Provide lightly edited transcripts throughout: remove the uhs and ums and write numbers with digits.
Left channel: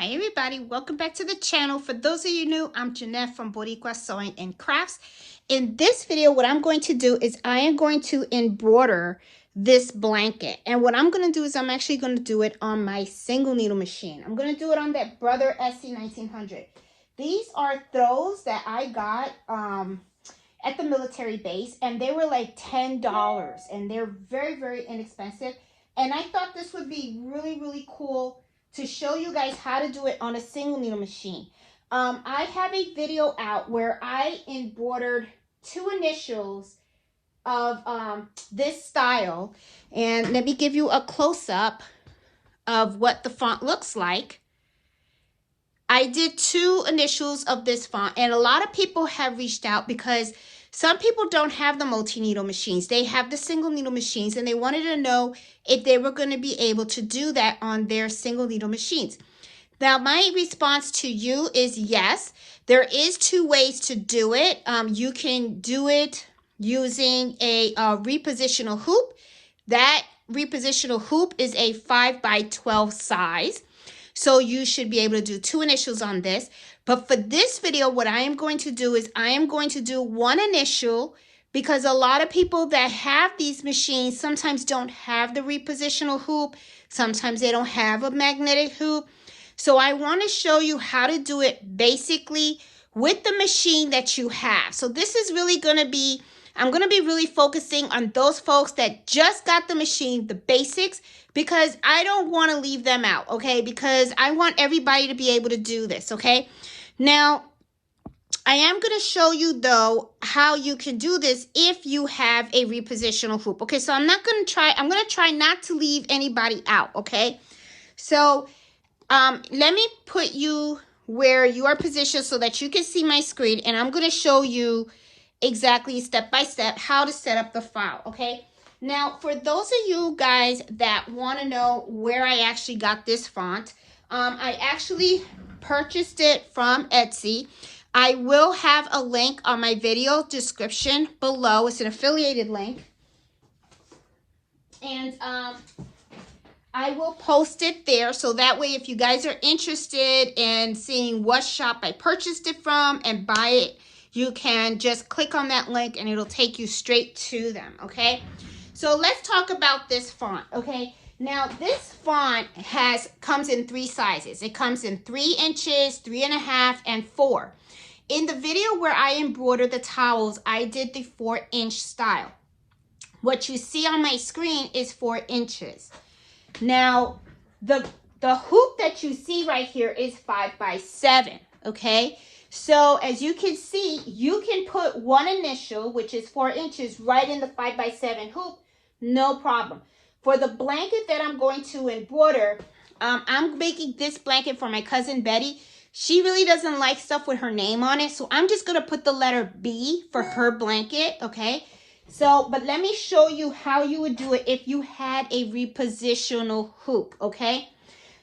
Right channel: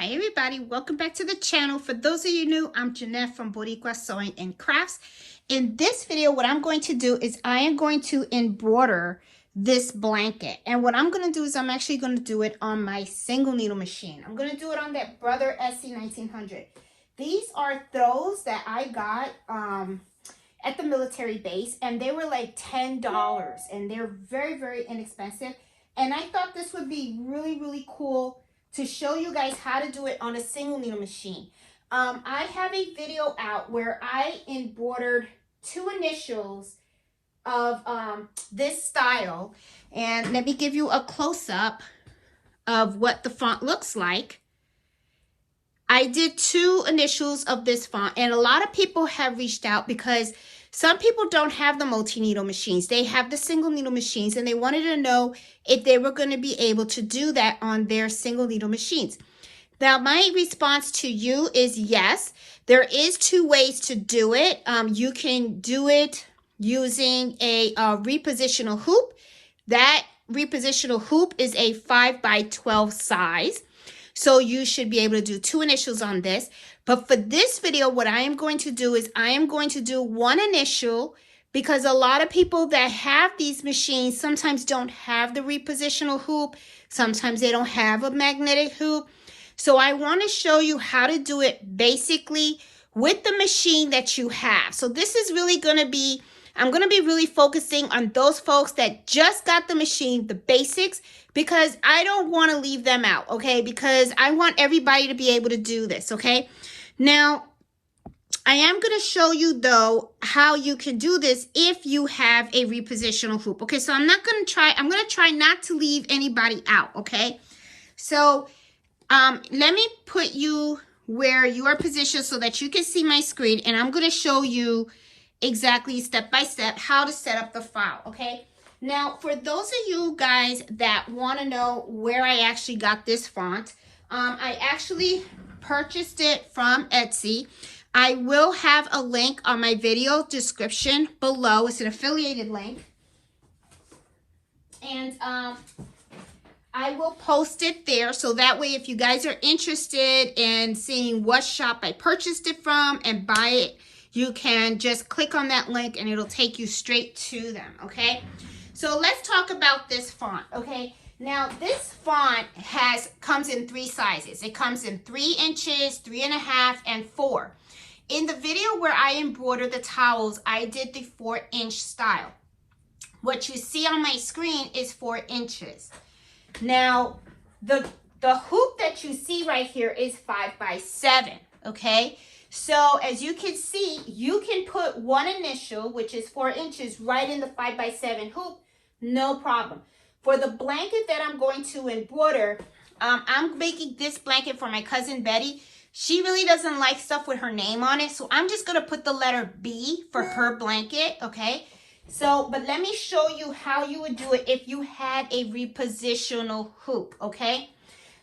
Hi everybody, welcome back to the channel. For those of you new, I'm Jeanette from Boricua Sewing and Crafts. In this video, what I'm going to do is I am going to embroider this blanket. And what I'm going to do is I'm actually going to do it on my single needle machine. I'm going to do it on that Brother SE1900. These are throws that I got at the military base, and they were like $10, and they're very, very inexpensive. And I thought this would be really, really cool to show you guys how to do it on a single needle machine. I have a video out where I embroidered two initials of this style, and let me give you a close-up of what the font looks like. I did two initials of this font, and a lot of people have reached out because some people don't have the multi-needle machines. They have the single needle machines, and they wanted to know if they were going to be able to do that on their single needle machines. Now, my response to you is yes. There is two ways to do it. You can do it using a repositional hoop. That repositional hoop is a 5x12 size. So you should be able to do two initials on this. But for this video, what I am going to do is I am going to do one initial, because a lot of people that have these machines sometimes don't have the repositional hoop. Sometimes they don't have a magnetic hoop. So I want to show you how to do it basically with the machine that you have. So this is really going to be, I'm going to be really focusing on those folks that just got the machine, the basics, because I don't want to leave them out, okay? Because I want everybody to be able to do this, okay? Now, I am going to show you, though, how you can do this if you have a repositional hoop. Okay, so I'm going to try not to leave anybody out, okay? So, let me put you where you are positioned so that you can see my screen, and I'm going to show you exactly step by step how to set up the file, okay? Now, for those of you guys that want to know where I actually got this font, I actually purchased it from Etsy. I will have a link on my video description below. It's an affiliated link. And I will post it there, so that way if you guys are interested in seeing what shop I purchased it from and buy it, you can just click on that link and it'll take you straight to them, okay? So let's talk about this font, okay? Now this font comes in three sizes. It comes in 3 inches, 3.5, and 4. In the video where I embroidered the towels, I did the 4-inch style. What you see on my screen is 4 inches. Now, the hoop that you see right here is 5x7, okay? So, as you can see, you can put one initial, which is 4 inches, right in the 5x7 hoop, no problem. For the blanket that I'm going to embroider, I'm making this blanket for my cousin Betty. She really doesn't like stuff with her name on it, so I'm just going to put the letter B for her blanket, okay? So, but let me show you how you would do it if you had a repositional hoop, okay?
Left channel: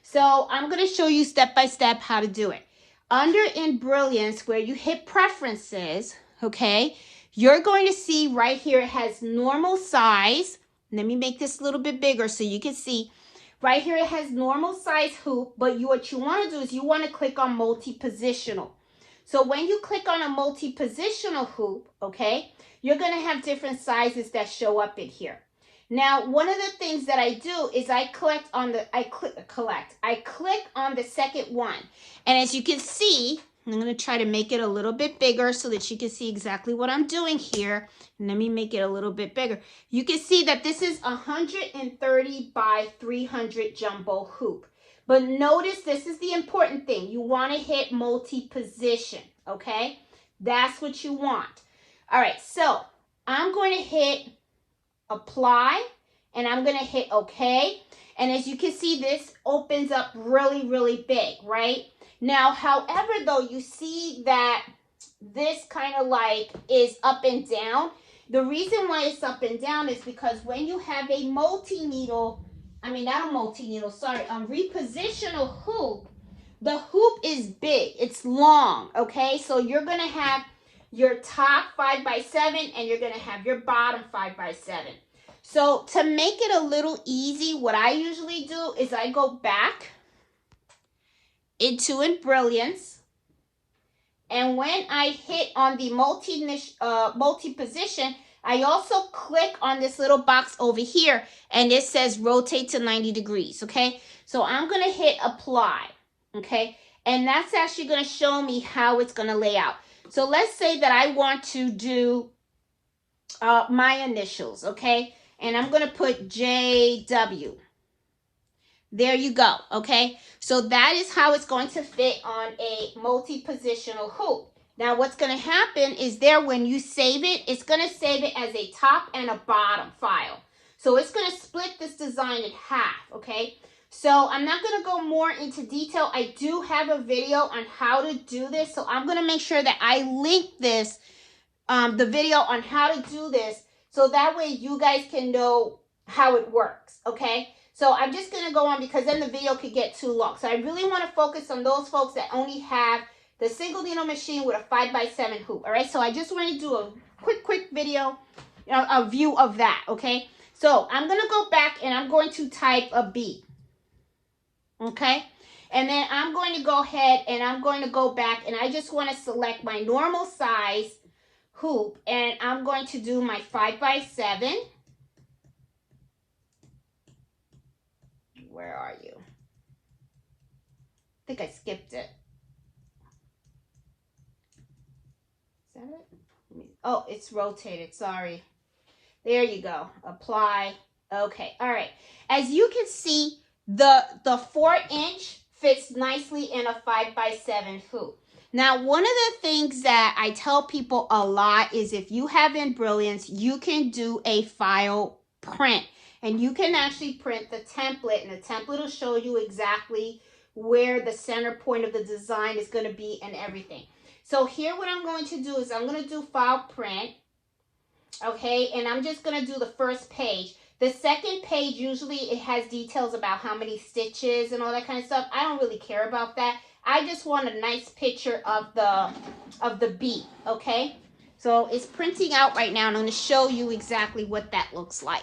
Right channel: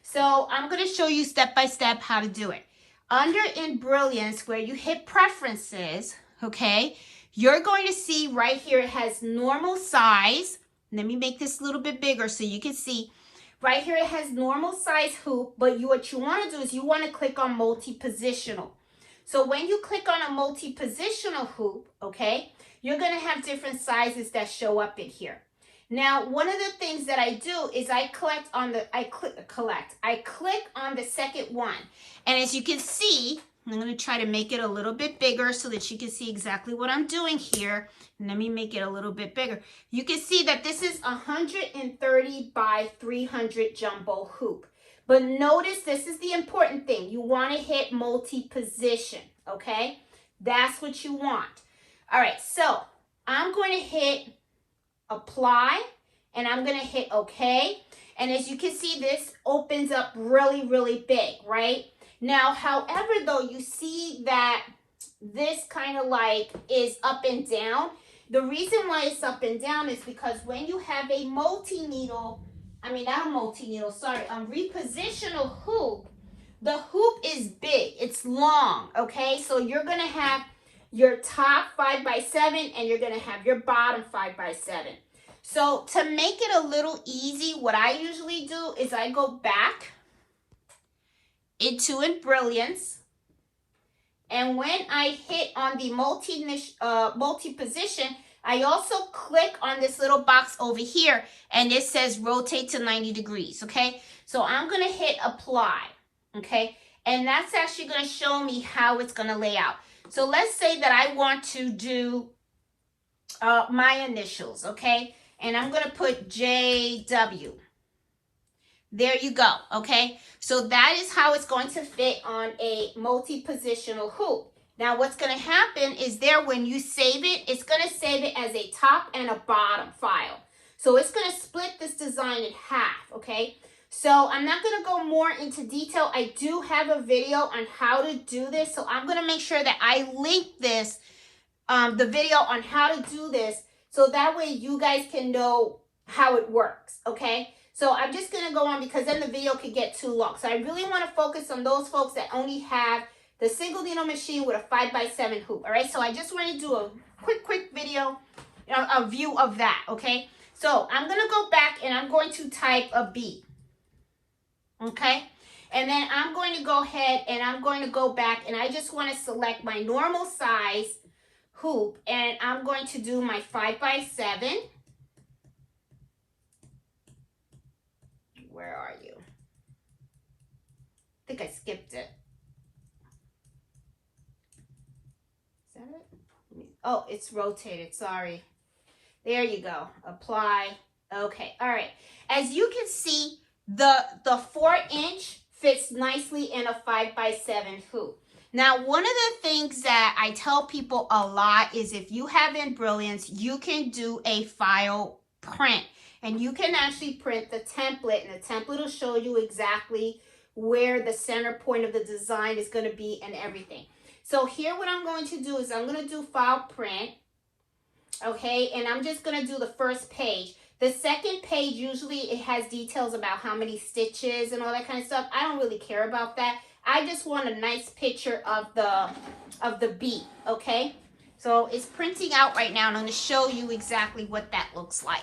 So, I'm going to show you step by step how to do it. Under in Brilliance, where you hit Preferences, okay, you're going to see right here it has normal size. Let me make this a little bit bigger so you can see. Right here it has normal size hoop, but what you want to do is you want to click on multi-positional. So, when you click on a multi-positional hoop, okay, you're going to have different sizes that show up in here. Now, one of the things that I do is I click on the second one. And as you can see, I'm going to try to make it a little bit bigger so that you can see exactly what I'm doing here. And let me make it a little bit bigger. You can see that this is 130 by 300 jumbo hoop. But notice, this is the important thing. You want to hit multi-position, okay? That's what you want. All right, so I'm going to hit Apply, and I'm going to hit OK. And as you can see, this opens up really, really big, right? Now, however, though, you see that this kind of like is up and down. The reason why it's up and down is because when you have a multi-needle, repositional hoop, the hoop is big, it's long, okay? So you're going to have your top 5x7 and you're going to have your bottom 5x7. So to make it a little easy, what I usually do is I go back into Embrilliance. And when I hit on the multi position, I also click on this little box over here and it says rotate to 90 degrees, okay? So I'm going to hit apply, okay? And that's actually going to show me how it's going to lay out. So let's say that I want to do my initials, okay? And I'm going to put JW. There you go, okay? So that is how it's going to fit on a multi-positional hoop. Now what's going to happen is there when you save it, it's going to save it as a top and a bottom file. So it's going to split this design in half, okay? So I'm not going to go more into detail. I do have a video on how to do this. So I'm going to make sure that I link this, the video on how to do this. So that way you guys can know how it works, okay? So I'm just going to go on because then the video could get too long. So I really want to focus on those folks that only have the single needle machine with a 5x7 hoop. All right. So I just want to do a quick video, a view of that. Okay. So I'm going to go back and I'm going to type a B. Okay. And then I'm going to go ahead and I'm going to go back and I just want to select my normal size hoop and I'm going to do my 5x7. Where are you? I think I skipped it. Is that it? Oh, it's rotated. Sorry. There you go. Apply. Okay. All right. As you can see, the 4-inch fits nicely in a 5x7 hoop. Now, one of the things that I tell people a lot is if you have Embrilliance, you can do a file print. And you can actually print the template, and the template will show you exactly where the center point of the design is going to be and everything. So here what I'm going to do is I'm going to do file print, okay, and I'm just going to do the first page. The second page, usually it has details about how many stitches and all that kind of stuff. I don't really care about that. I just want a nice picture of the beat, okay? So it's printing out right now, and I'm going to show you exactly what that looks like.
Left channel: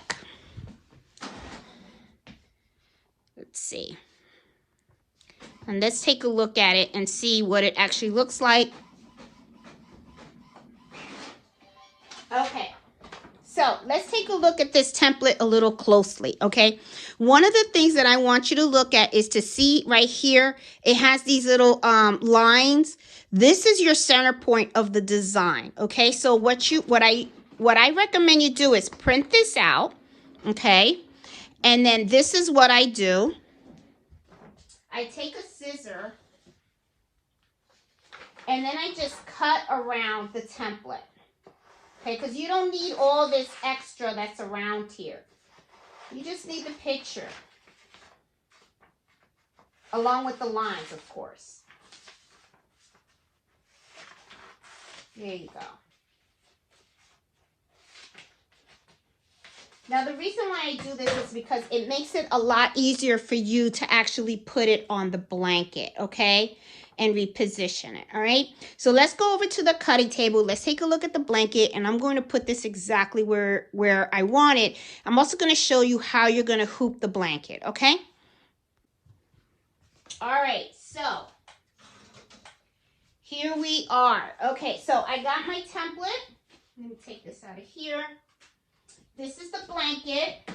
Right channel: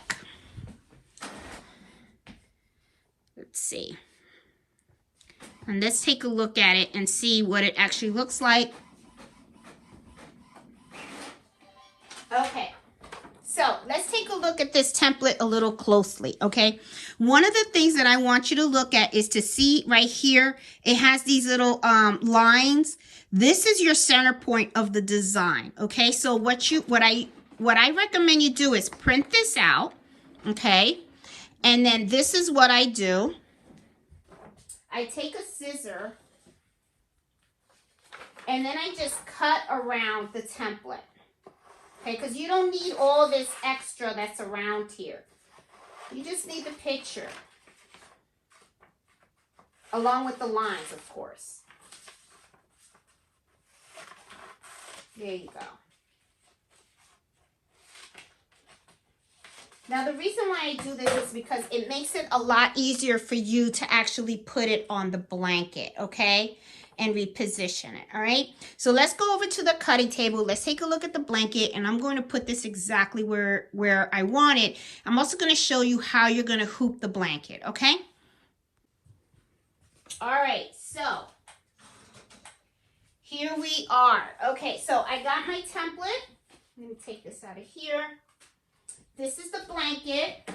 Let's see. And let's take a look at it and see what it actually looks like. Okay. So let's take a look at this template a little closely, okay? One of the things that I want you to look at is to see right here, it has these little lines. This is your center point of the design, okay? So what I recommend you do is print this out, okay? And then this is what I do. I take a scissor and then I just cut around the template. Okay, because you don't need all this extra that's around here. You just need the picture. Along with the lines, of course. There you go. Now, the reason why I do this is because it makes it a lot easier for you to actually put it on the blanket, okay? And reposition it, all right? So let's go over to the cutting table. Let's take a look at the blanket, and I'm going to put this exactly where I want it. I'm also going to show you how you're going to hoop the blanket, okay? All right, so here we are. Okay, so I got my template. Let me take this out of here. This is the blanket.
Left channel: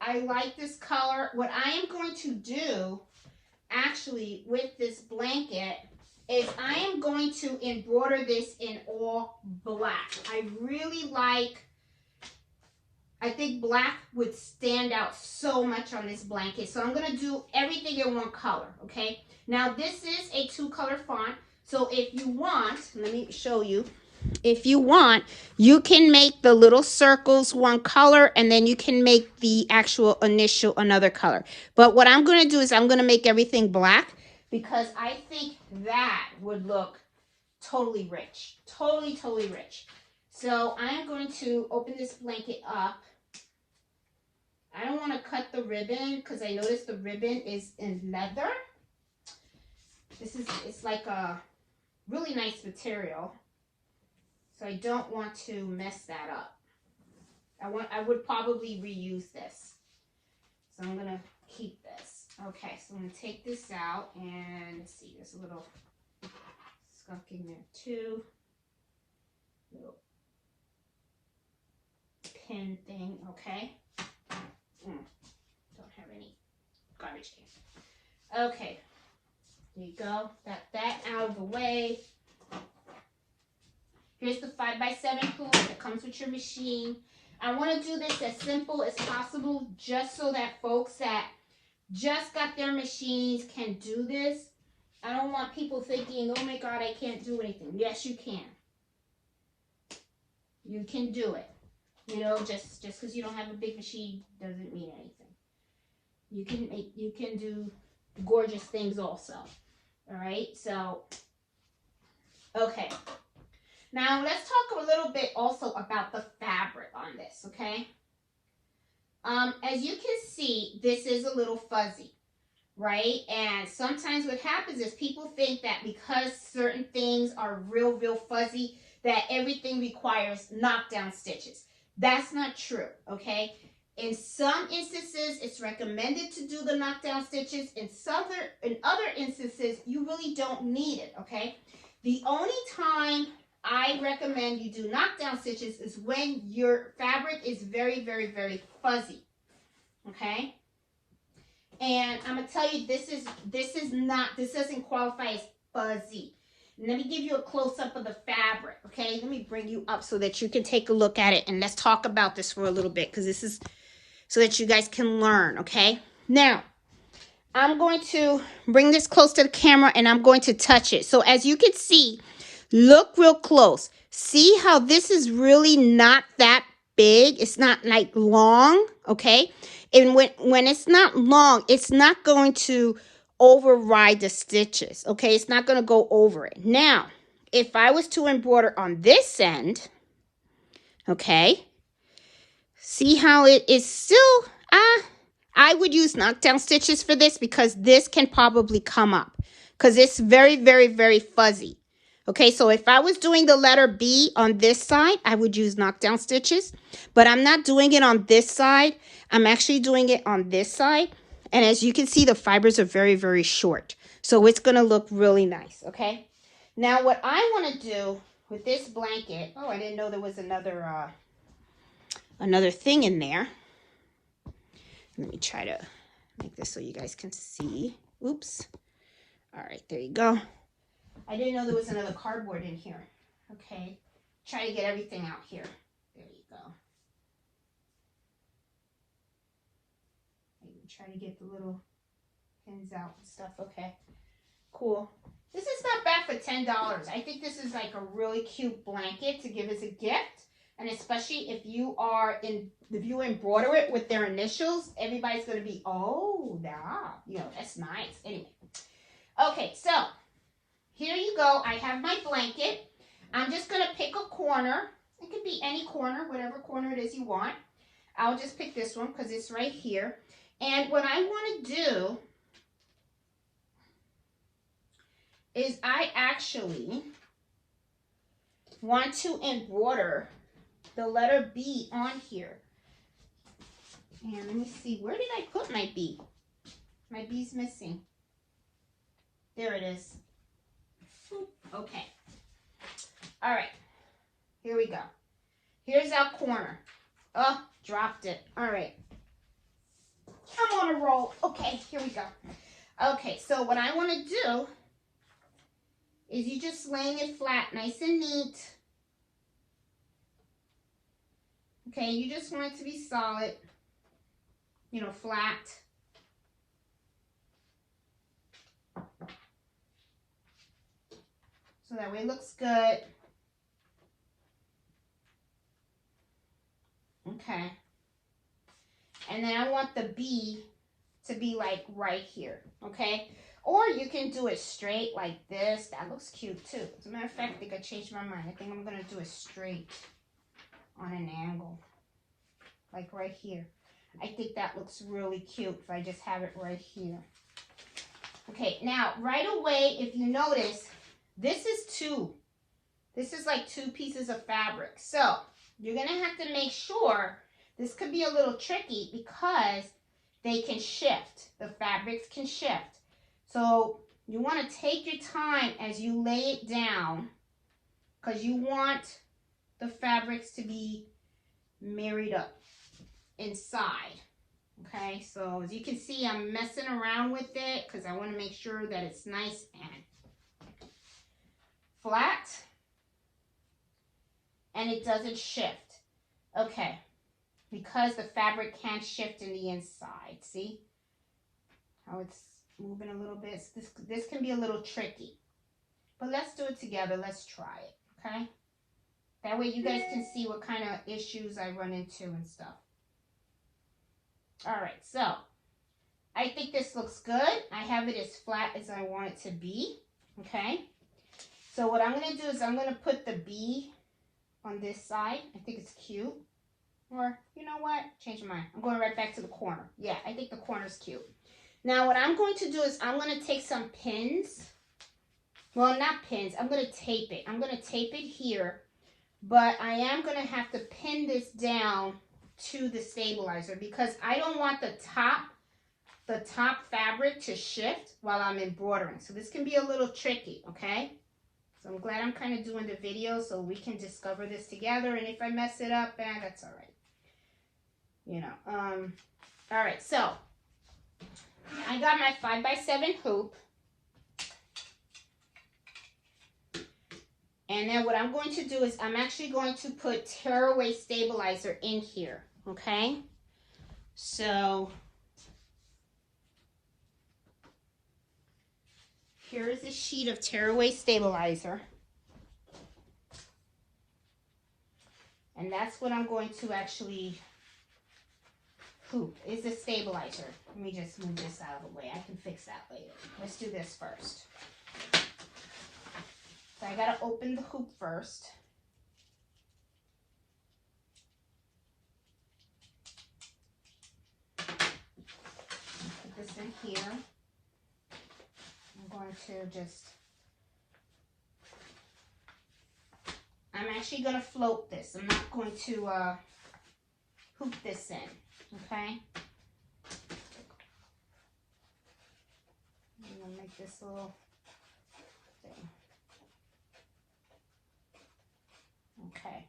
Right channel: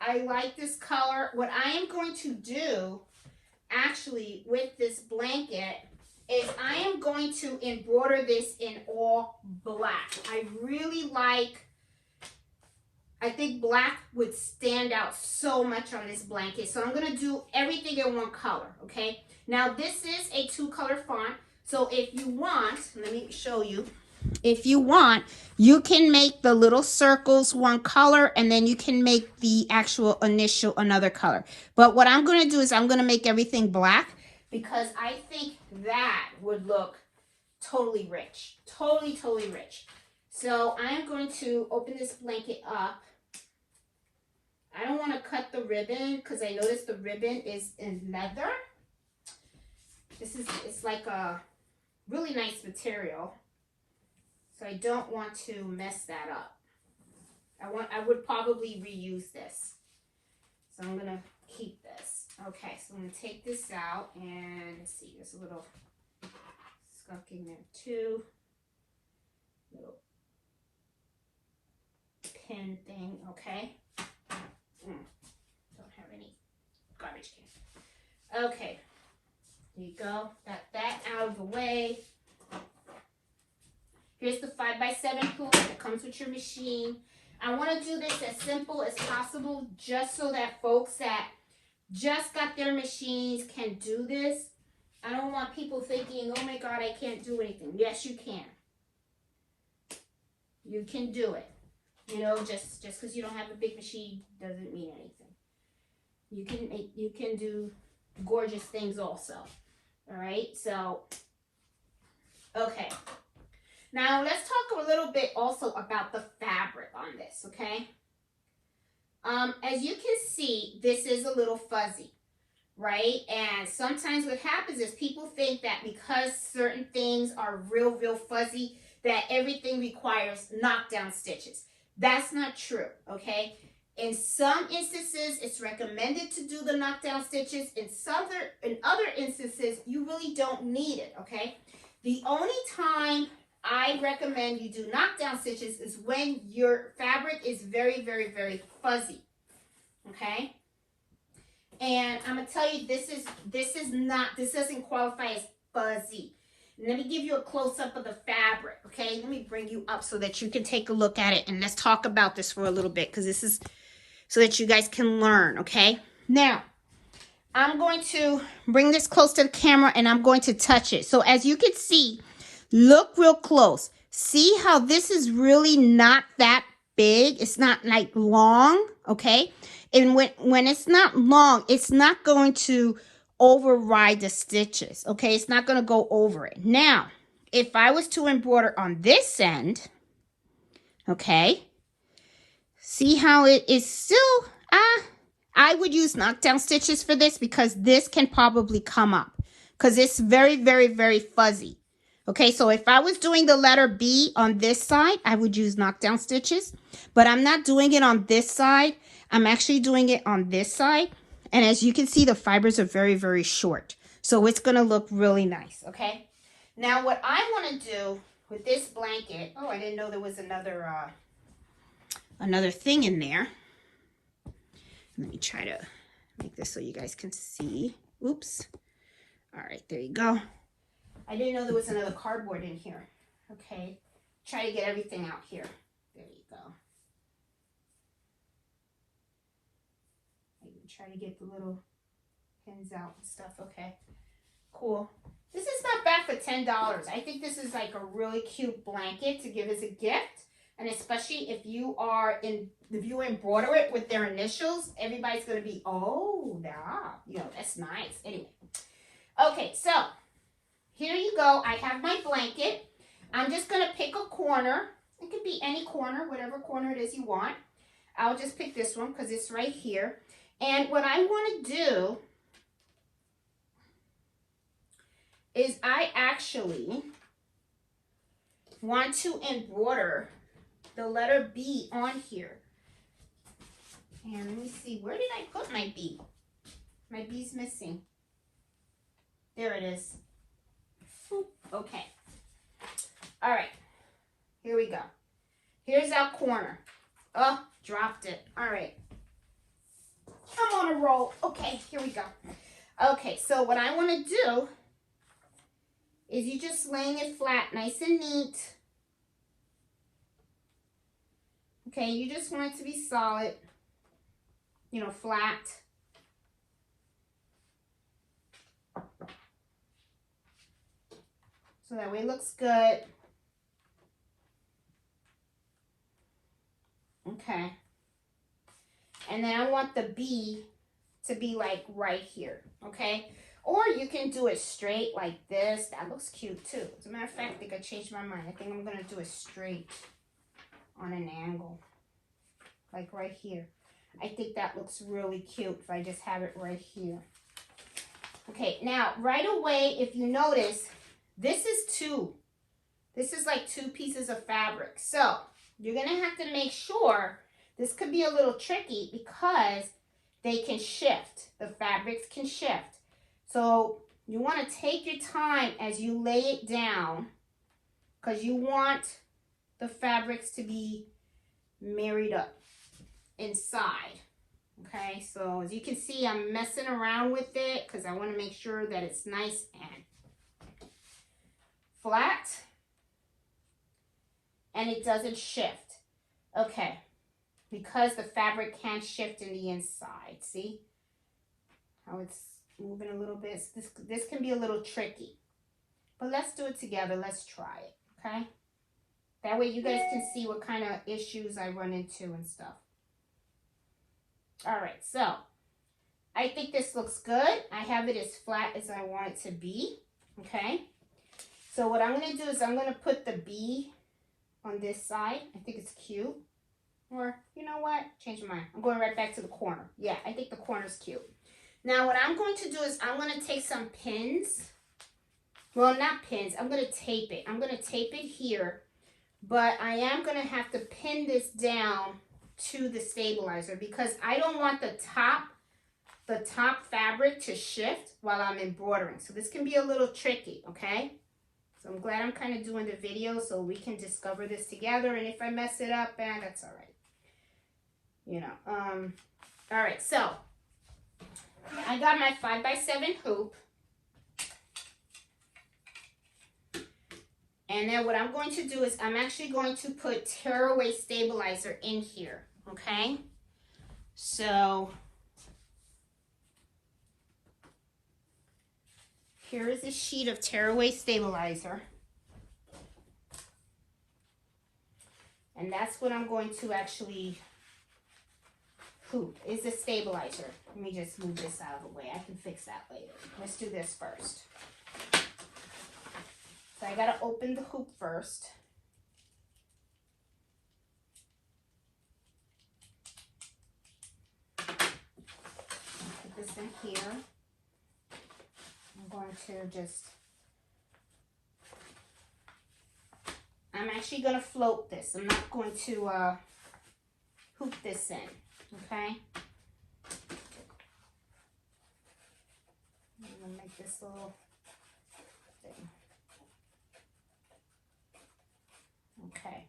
I like this color. What I am going to do actually with this blanket is I am going to embroider this in all black. I really like, I think black would stand out so much on this blanket. So I'm going to do everything in one color, okay? Now this is a 2-color font. So if you want, let me show you. If you want, you can make the little circles one color and then you can make the actual initial another color. But what I'm going to do is I'm going to make everything black because I think that would look totally rich. Totally rich. So I am going to open this blanket up. I don't want to cut the ribbon because I noticed the ribbon is in leather. It's like a really nice material. So I don't want to mess that up. I would probably reuse this. So I'm going to keep this. Okay, so I'm going to take this out and let's see, there's a little skunk in there too. Little pin thing, okay. Don't have any garbage can. Okay, there you go. Got that out of the way. Here's the 5x7 hoop that comes with your machine. I want to do this as simple as possible just so that folks that just got their machines can do this. I don't want people thinking, oh my God, I can't do anything. Yes, you can. You can do it. You know, just because you don't have a big machine doesn't mean anything. You can do gorgeous things also. All right, so, okay. Now, let's talk a little bit also about the fabric on this, okay? As you can see, this is a little fuzzy, right? And sometimes what happens is people think that because certain things are real fuzzy, that everything requires knockdown stitches. That's not true, okay? In some instances, it's recommended to do the knockdown stitches. In other instances, you really don't need it, okay? The only time I recommend you do knockdown stitches is when your fabric is very fuzzy, okay? And I'm gonna tell you, this doesn't qualify as fuzzy. Let me give you a close-up of the fabric, okay? Let me bring you up so that you can take a look at it, and let's talk about this for a little bit, because this is so that you guys can learn, okay? Now, I'm going to bring this close to the camera, and I'm going to touch it. So as you can see, look real close. See how this is really not that big? It's not like long, okay? And when it's not long, it's not going to override the stitches, okay? It's not going to go over it. Now, if I was to embroider on this end, okay, see how it is still, I would use knockdown stitches for this because this can probably come up because it's very fuzzy. Okay, so if I was doing the letter B on this side, I would use knockdown stitches, but I'm not doing it on this side. I'm actually doing it on this side. And as you can see, the fibers are very short. So it's going to look really nice, okay? Now what I want to do with this blanket, oh, I didn't know there was another thing in there. Let me try to make this so you guys can see. Oops. All right, there you go. I didn't know there was another cardboard in here. Okay, try to get everything out here. There you go. Try to get the little pins out and stuff. Okay, cool. This is not bad for $10. I think this is like a really cute blanket to give as a gift, and especially if you embroider it with their initials, everybody's gonna be, oh, yeah, you know, that's nice. Anyway, okay, so here you go. I have my blanket. I'm just going to pick a corner. It could be any corner, whatever corner it is you want. I'll just pick this one because it's right here. And what I want to do is I actually want to embroider the letter B on here. And let me see. Where did I put my B? My B's missing. There it is. Okay. All right. Here we go. Here's our corner. Oh, dropped it. All right. I'm on a roll. Okay, here we go. Okay, so what I want to do is you just laying it flat, nice and neat. Okay, you just want it to be solid, you know, flat. So that way it looks good. Okay. And then I want the B to be like right here, okay? Or you can do it straight like this. That looks cute too. As a matter of fact, I think I changed my mind. I think I'm gonna do it straight on an angle, like right here. I think that looks really cute if I just have it right here. Okay, now right away, if you notice, this is like two pieces of fabric. So you're gonna have to make sure, this could be a little tricky because they can shift. The fabrics can shift. So you want to take your time as you lay it down, because you want the fabrics to be married up inside. Okay, so as you can see, I'm messing around with it because I want to make sure that it's nice and flat and it doesn't shift. Okay, because the fabric can shift in the inside. See how it's moving a little bit? This can be a little tricky, but let's do it together. Let's try it, okay? That way you guys can see what kind of issues I run into and stuff. All right, so I think this looks good. I have it as flat as I want it to be, okay? So what I'm gonna do is I'm gonna put the B on this side. I think it's cute. Or, you know what? Change my mind. I'm going right back to the corner. Yeah, I think the corner's cute. Now what I'm going to do is I'm gonna take some pins. Well, not pins. I'm gonna tape it. I'm gonna tape it here, but I am gonna have to pin this down to the stabilizer because I don't want the top fabric to shift while I'm embroidering. So this can be a little tricky, okay? So I'm glad I'm kind of doing the video so we can discover this together, and if I mess it up, that's all right. You know, all right, so I got my 5x7 hoop. And then what I'm going to do is I'm actually going to put tearaway stabilizer in here, okay? So here is a sheet of tearaway stabilizer. And that's what I'm going to actually hoop, is the stabilizer. Let me just move this out of the way. I can fix that later. Let's do this first. So I gotta open the hoop first. Put this in here. I'm going to just, I'm actually gonna float this. I'm not going to hoop this in, okay? I'm gonna make this little thing. Okay,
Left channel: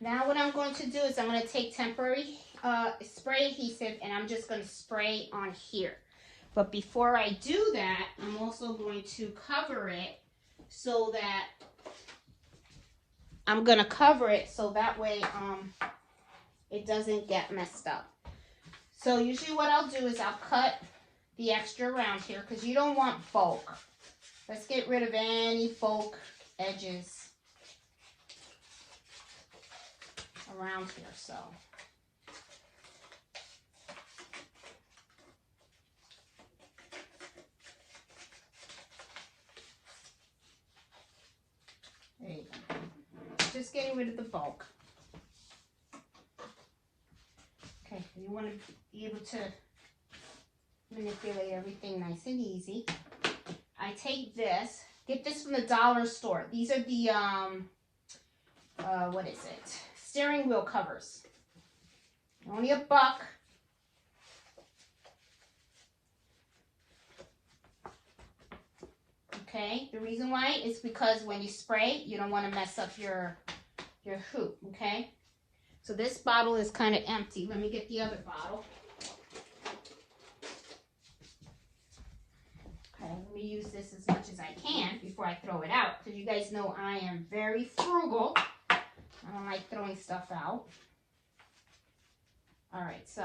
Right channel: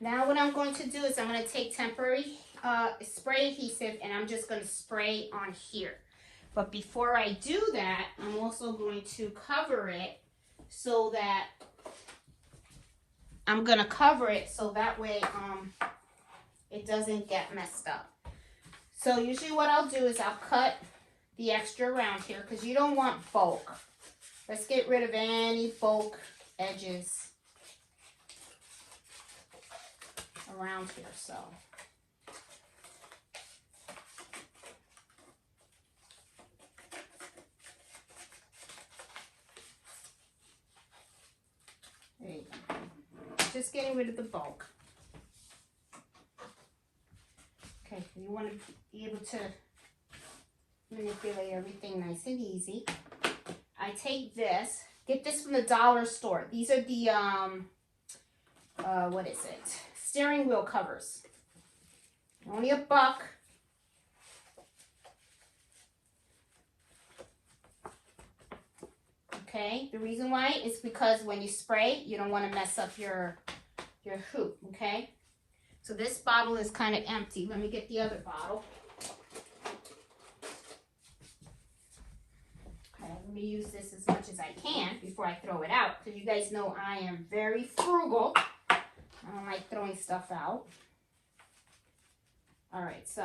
now what I'm going to do is I'm going to take temporary spray adhesive and I'm just going to spray on here. But before I do that, I'm also going to cover it so that I'm going to cover it so that way it doesn't get messed up. So usually what I'll do is I'll cut the extra around here because you don't want bulk. Let's get rid of any bulk edges around here, so. There you go. Just getting rid of the bulk. Okay, you want to be able to manipulate everything nice and easy. I take this, get this from the dollar store. These are the, what is it? Steering wheel covers. Only $1. Okay, the reason why is because when you spray, you don't want to mess up your hoop, okay? So this bottle is kind of empty. Let me get the other bottle. Okay, let me use this as much as I can before I throw it out, because you guys know I am very frugal. I don't like throwing stuff out. All right, so.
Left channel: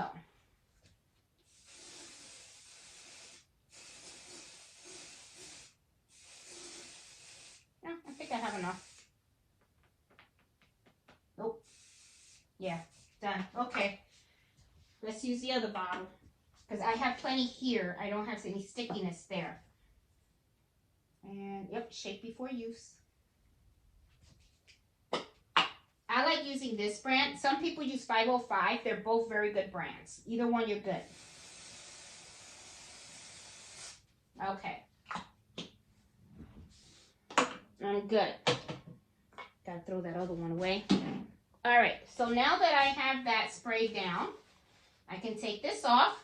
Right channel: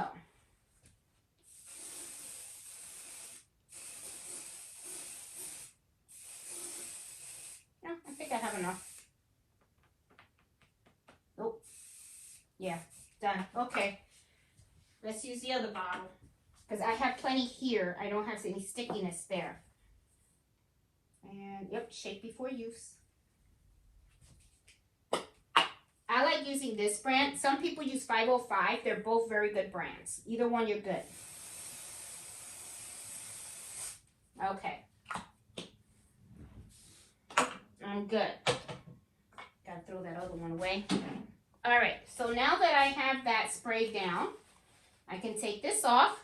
No, I think I have enough. Nope. Yeah, done. Okay. Let's use the other bottle. Because I have plenty here. I don't have any stickiness there. And, yep, shake before use. I like using this brand. Some people use 505. They're both very good brands. Either one, you're good. Okay. I'm good. Gotta throw that other one away. All right. So now that I have that sprayed down, I can take this off.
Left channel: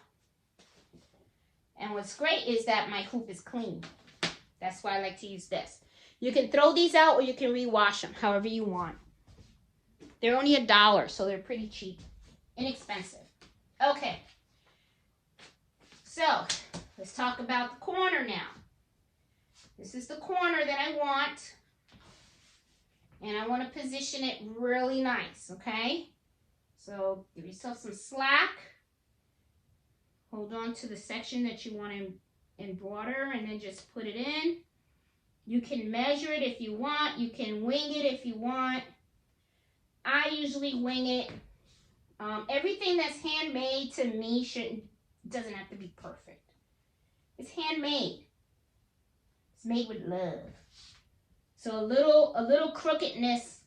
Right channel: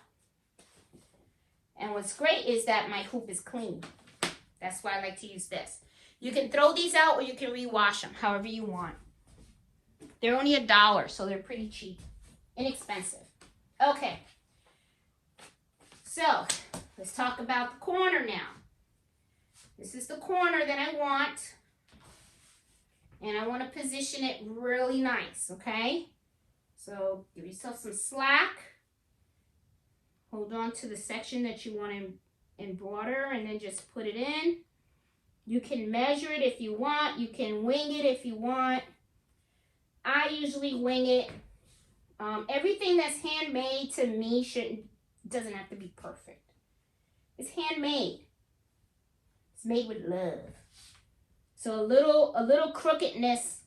And what's great is that my hoop is clean. That's why I like to use this. You can throw these out or you can rewash them, however you want. They're only $1, so they're pretty cheap, inexpensive. Okay, so let's talk about the corner now. This is the corner that I want, and I want to position it really nice, okay? So give yourself some slack. Hold on to the section that you want to embroider and then just put it in. You can measure it if you want. You can wing it if you want. I usually wing it. Everything that's handmade to me doesn't have to be perfect. It's handmade. It's made with love. So a little crookedness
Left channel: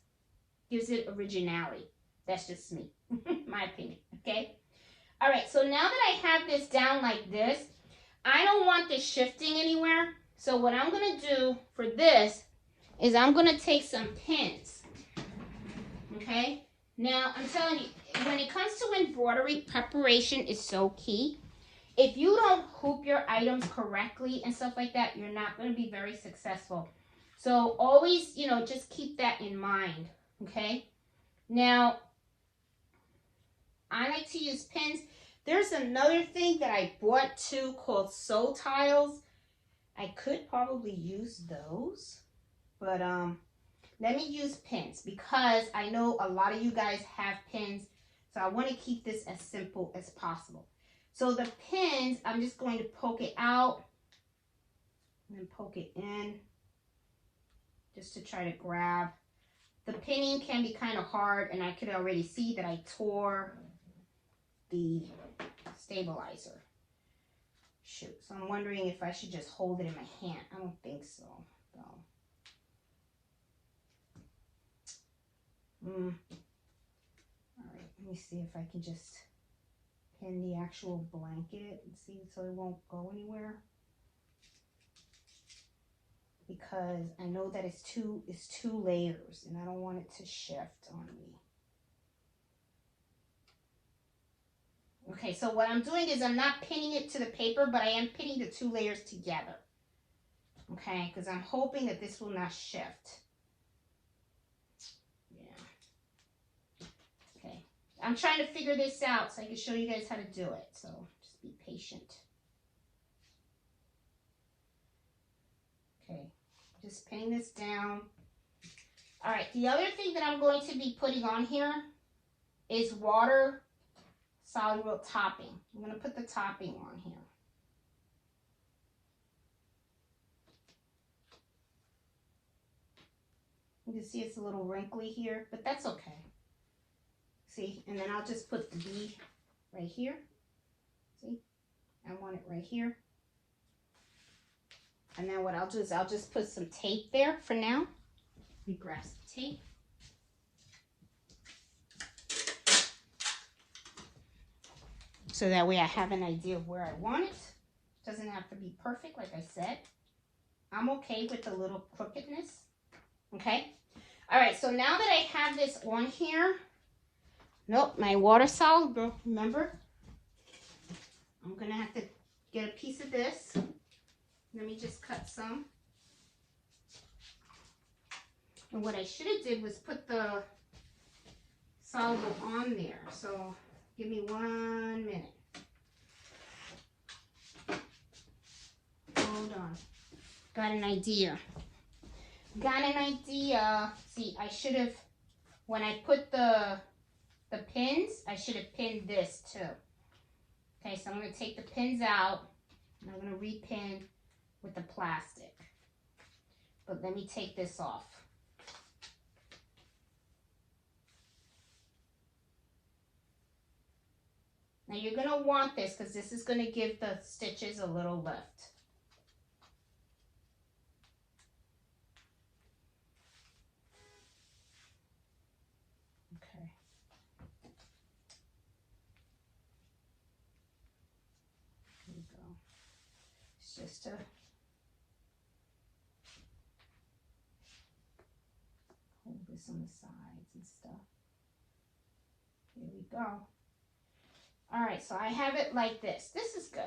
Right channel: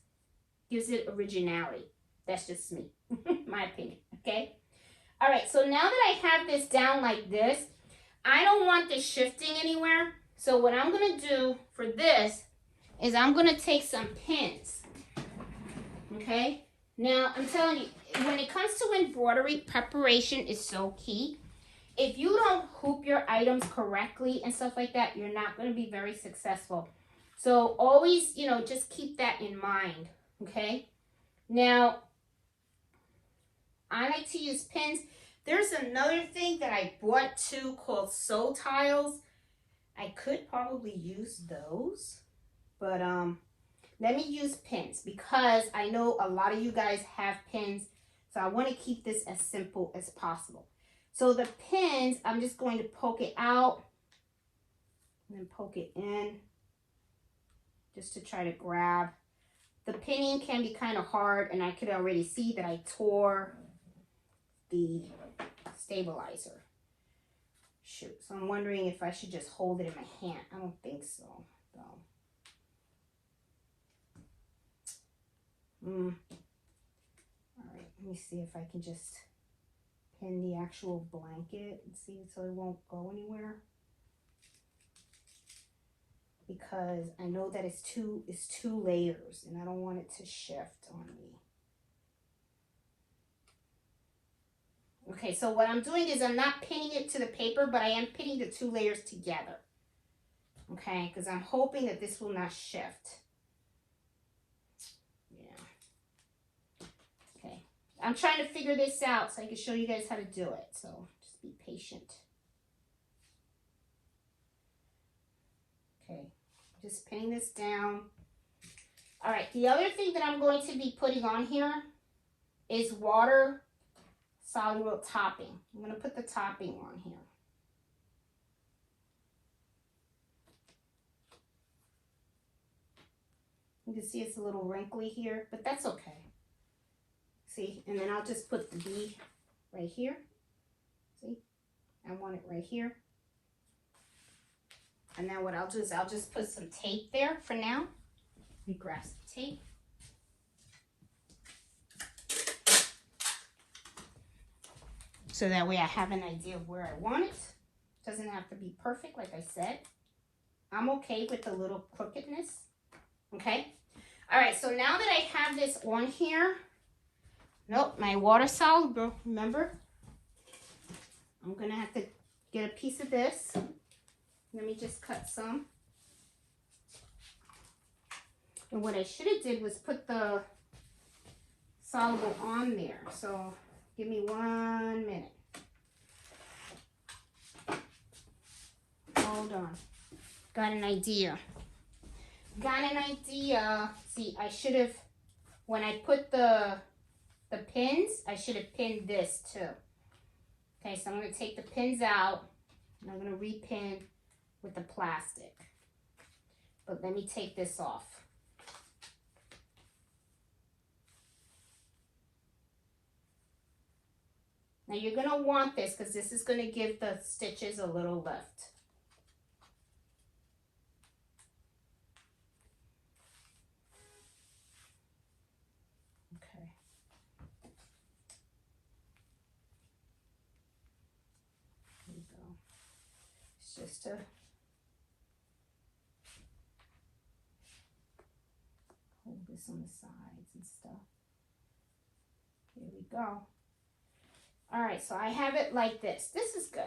gives it originality. That's just me, my opinion, okay? All right, so now that I have this down like this, I don't want this shifting anywhere. So what I'm gonna do for this is I'm gonna take some pins, okay? Now, I'm telling you, when it comes to embroidery, preparation is so key. If you don't hoop your items correctly and stuff like that, you're not gonna be very successful. So always, you know, just keep that in mind, okay? Now, I like to use pins. There's another thing that I bought too called sew tiles. I could probably use those, but let me use pins because I know a lot of you guys have pins, so I want to keep this as simple as possible. So the pins, I'm just going to poke it out and then poke it in just to try to grab. The pinning can be kind of hard, and I could already see that I tore the stabilizer. Shoot, so I'm wondering if I should just hold it in my hand. I don't think so, though. All right, let me see if I can just pin the actual blanket and see so it won't go anywhere. Because I know that it's two layers and I don't want it to shift on me. Okay, so what I'm doing is I'm not pinning it to the paper, but I am pinning the 2 layers together. Okay, because I'm hoping that this will not shift. Yeah. Okay, I'm trying to figure this out so I can show you guys how to do it. So just be patient. Okay, just pinning this down. All right, the other thing that I'm going to be putting on here is water soluble topping. I'm going to put the topping on here. You can see it's a little wrinkly here, but that's okay. See, and then I'll just put the B right here. See, I want it right here. And then what I'll do is I'll just put some tape there for now. Let me grab some tape. So that way I have an idea of where I want it. Doesn't have to be perfect, like I said. I'm okay with a little crookedness. Okay? All right, so now that I have this on here, nope, my water soluble, remember? I'm gonna have to get a piece of this. Let me just cut some. And what I should have did was put the soluble on there. So give me 1 minute. Hold on. Got an idea. Got an idea. See, I should have, when I put the pins, I should have pinned this too. Okay, so I'm going to take the pins out and I'm going to repin with the plastic. But let me take this off. Now you're going to want this because this is going to give the stitches a little lift. Okay. There you go. It's just a hold this on the sides and stuff. Here we go. All right, so I have it like this. This is good.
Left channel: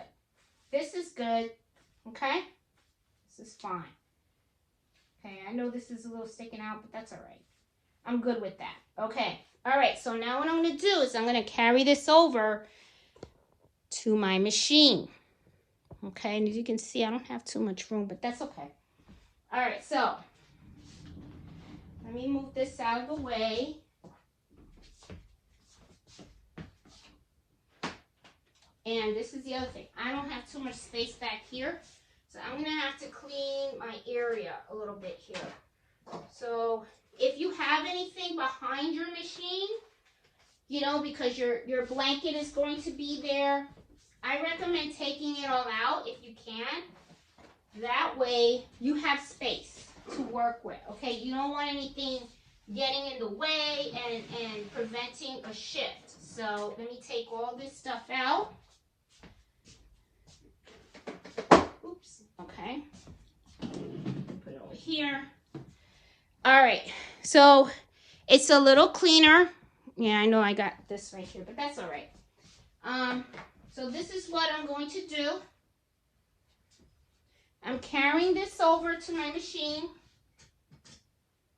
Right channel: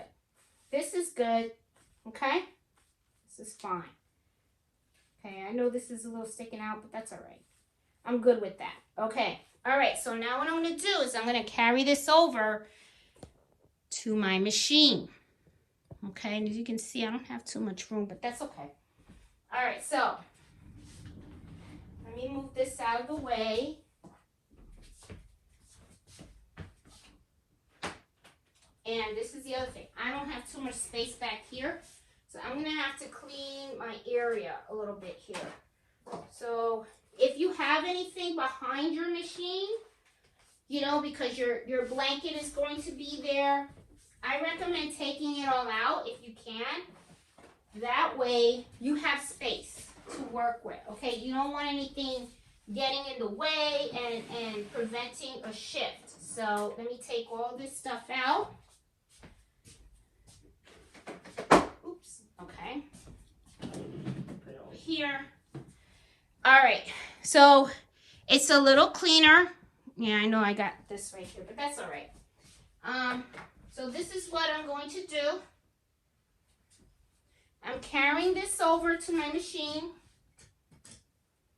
This is good, okay? This is fine. Okay, I know this is a little sticking out, but that's all right. I'm good with that. Okay, all right, so now what I'm gonna do is I'm gonna carry this over to my machine. Okay, and as you can see, I don't have too much room, but that's okay. All right, so let me move this out of the way. And this is the other thing. I don't have too much space back here, so I'm gonna have to clean my area a little bit here. So if you have anything behind your machine, you know, because your blanket is going to be there, I recommend taking it all out if you can. That way you have space to work with, okay? You don't want anything getting in the way and preventing a shift. So let me take all this stuff out. Oops, okay. Put it over here. All right, so it's a little cleaner. Yeah, I know I got this right here, but that's all right. So this is what I'm going to do. I'm carrying this over to my machine,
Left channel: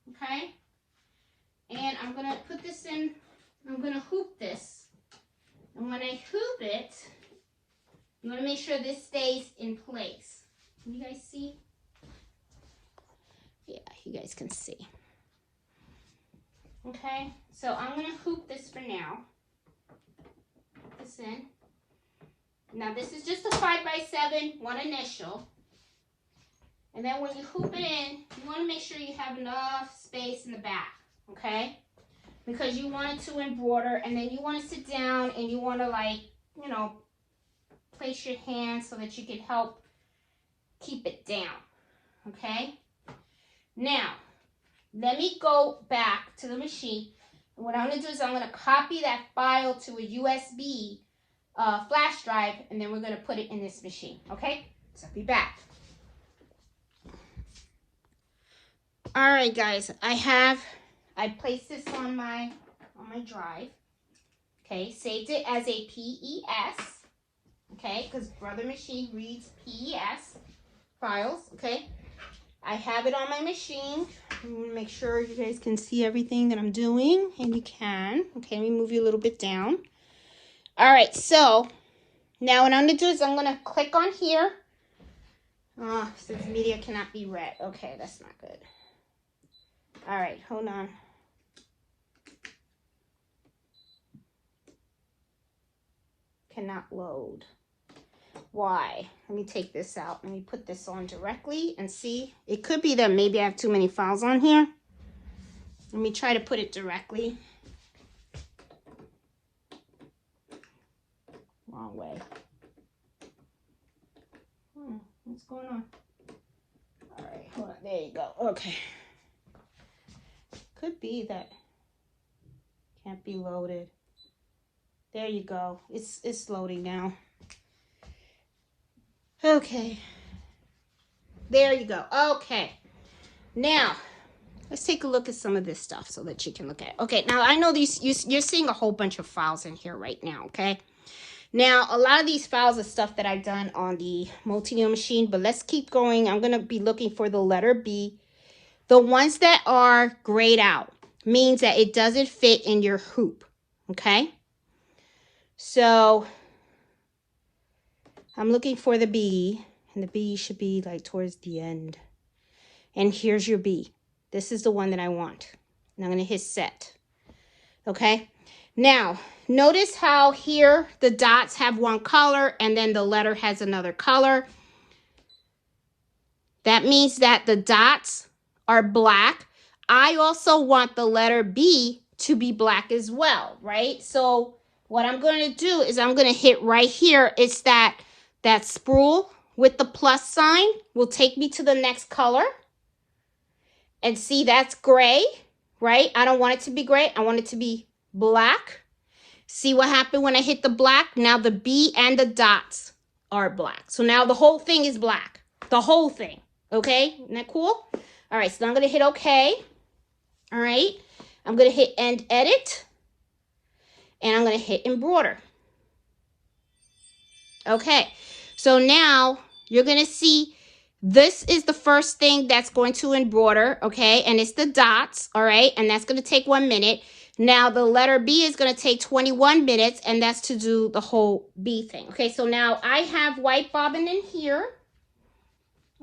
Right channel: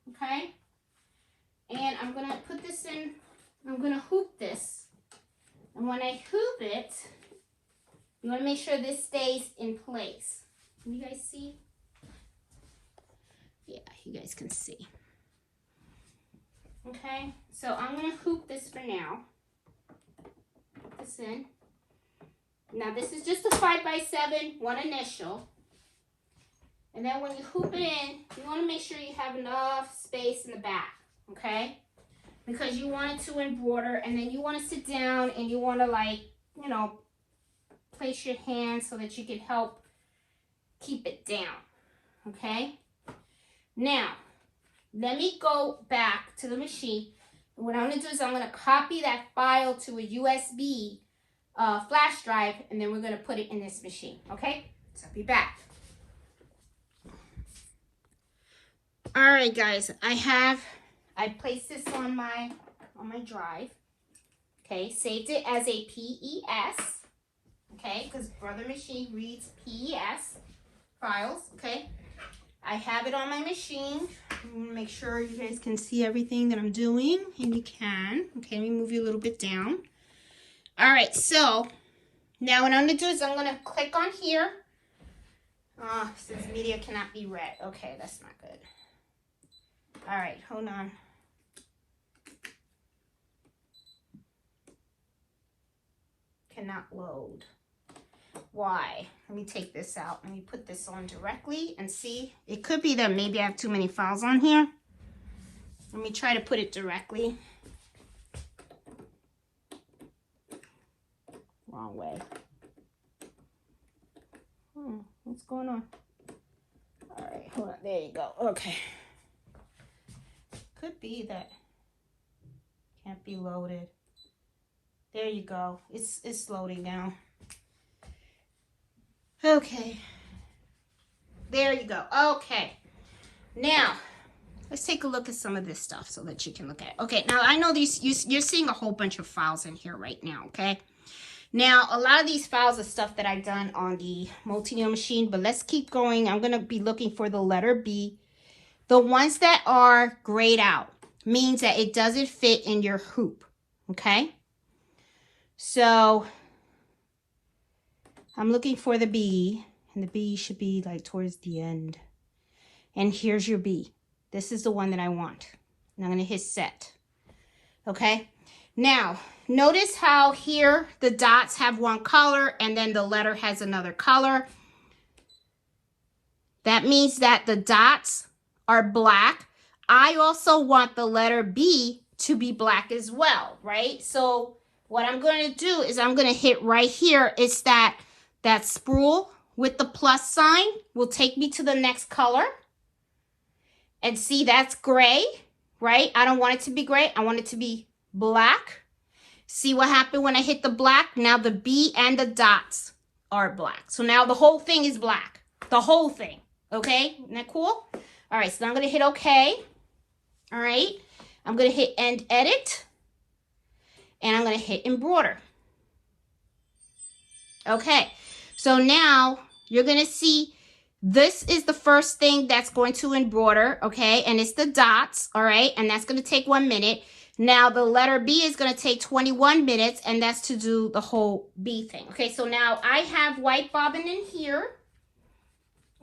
okay? And I'm gonna put this in, I'm gonna hoop this. And when I hoop it, you wanna make sure this stays in place. Can you guys see? Yeah, you guys can see. Okay, so I'm gonna hoop this for now. Put this in. Now this is just a 5x7, one initial. And then when you hoop it in, you want to make sure you have enough space in the back, okay? Because you want it to embroider, and then you want to sit down and you want to, like, you know, place your hand so that you can help keep it down, okay? Now, let me go back to the machine. And what I'm going to do is I'm going to copy that file to a USB flash drive, and then we're going to put it in this machine, okay? So I'll be back. All right, guys, I placed this on my drive. Okay, saved it as a PES. Okay, because Brother Machine reads PES files. Okay, I have it on my machine. I'm gonna make sure you guys can see everything that I'm doing, and you can. Okay, let me move you a little bit down. All right, so now what I'm gonna do is I'm gonna click on here. Says media cannot be read. Okay, that's not good. All right, hold on. Cannot load. Why? Let me take this out. Let me put this on directly and see. It could be that maybe I have too many files on here. Let me try to put it directly. Wrong way. What's going on? All right, hold on. There you go. Okay. Could be that can't be loaded. There you go. It's loading now. Okay. There you go. Okay. Now, let's take a look at some of this stuff so that you can look at it. Okay, now I know you're seeing a whole bunch of files in here right now, okay? Now, a lot of these files are stuff that I've done on the multi-needle machine, but let's keep going. I'm going to be looking for the letter B. The ones that are grayed out means that it doesn't fit in your hoop, okay? So I'm looking for the B, and the B should be like towards the end. And here's your B. This is the one that I want. And I'm going to hit set, okay? Now, notice how here the dots have one color and then the letter has another color. That means that the dots are black. I also want the letter B to be black as well, right? So what I'm going to do is I'm going to hit right here. It's that spool with the plus sign will take me to the next color. And see, that's gray, right? I don't want it to be gray. I want it to be black. See what happened when I hit the black? Now the B and the dots are black. So now the whole thing is black. The whole thing. Okay? Isn't that cool? All right, so I'm going to hit OK. All right? I'm going to hit End Edit. And I'm going to hit Embroider. Okay. So now you're going to see this is the first thing that's going to embroider, okay? And it's the dots, all right? And that's going to take 1 minute. Now the letter B is going to take 21 minutes, and that's to do the whole B thing. Okay, so now I have white bobbin in here,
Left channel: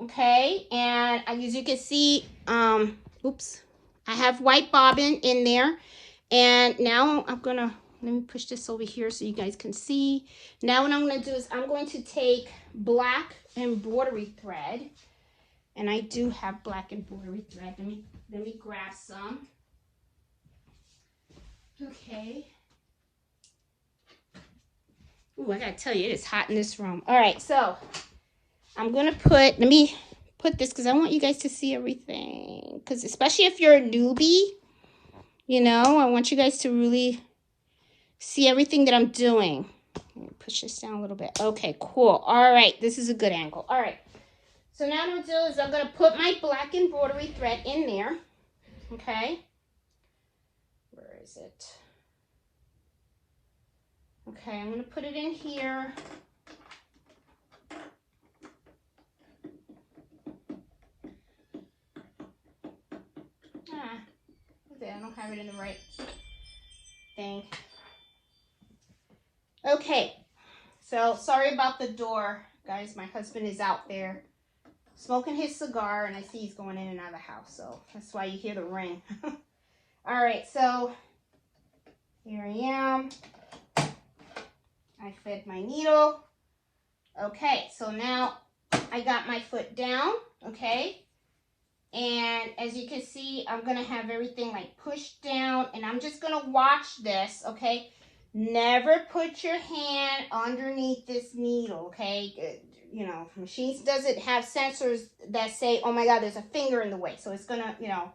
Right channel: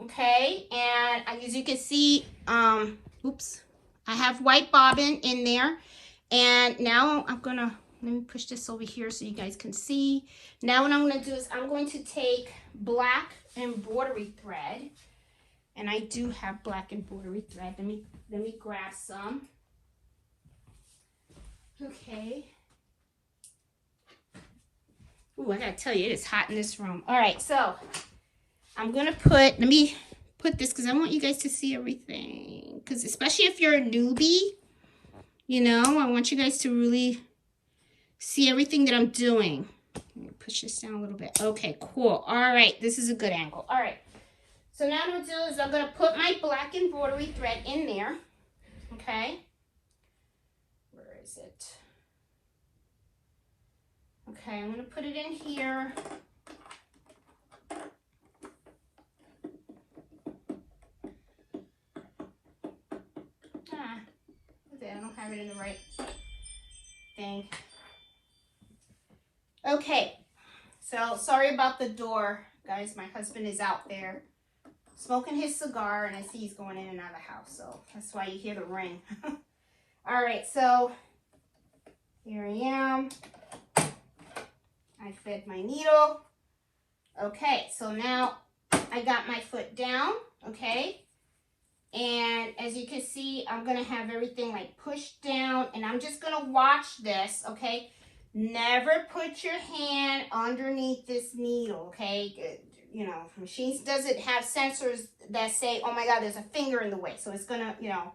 okay? And as you can see, oops, I have white bobbin in there. And now I'm going to, let me push this over here so you guys can see. Now what I'm going to do is I'm going to take black embroidery thread, and I do have black embroidery thread. Let me grab some. Okay. Ooh, I gotta tell you, it is hot in this room. All right, so I'm gonna let me put this because I want you guys to see everything. Because especially if you're a newbie, you know, I want you guys to really see everything that I'm doing. Let me push this down a little bit. Okay, cool. All right, this is a good angle. All right. So now what I'm going to do is I'm going to put my black embroidery thread in there. Okay. Where is it? Okay, I'm going to put it in here. Okay, I don't have it in the right thing. Okay, so sorry about the door, guys. My husband is out there smoking his cigar, and I see he's going in and out of the house, so that's why you hear the ring. All right, so here I am. I fed my needle. Okay, so now I got my foot down, okay? And as you can see, I'm going to have everything like pushed down, and I'm just going to watch this, okay? Never put your hand underneath this needle, okay? You know, machines doesn't have sensors that say, oh my God, there's a finger in the way. So it's going to, you know,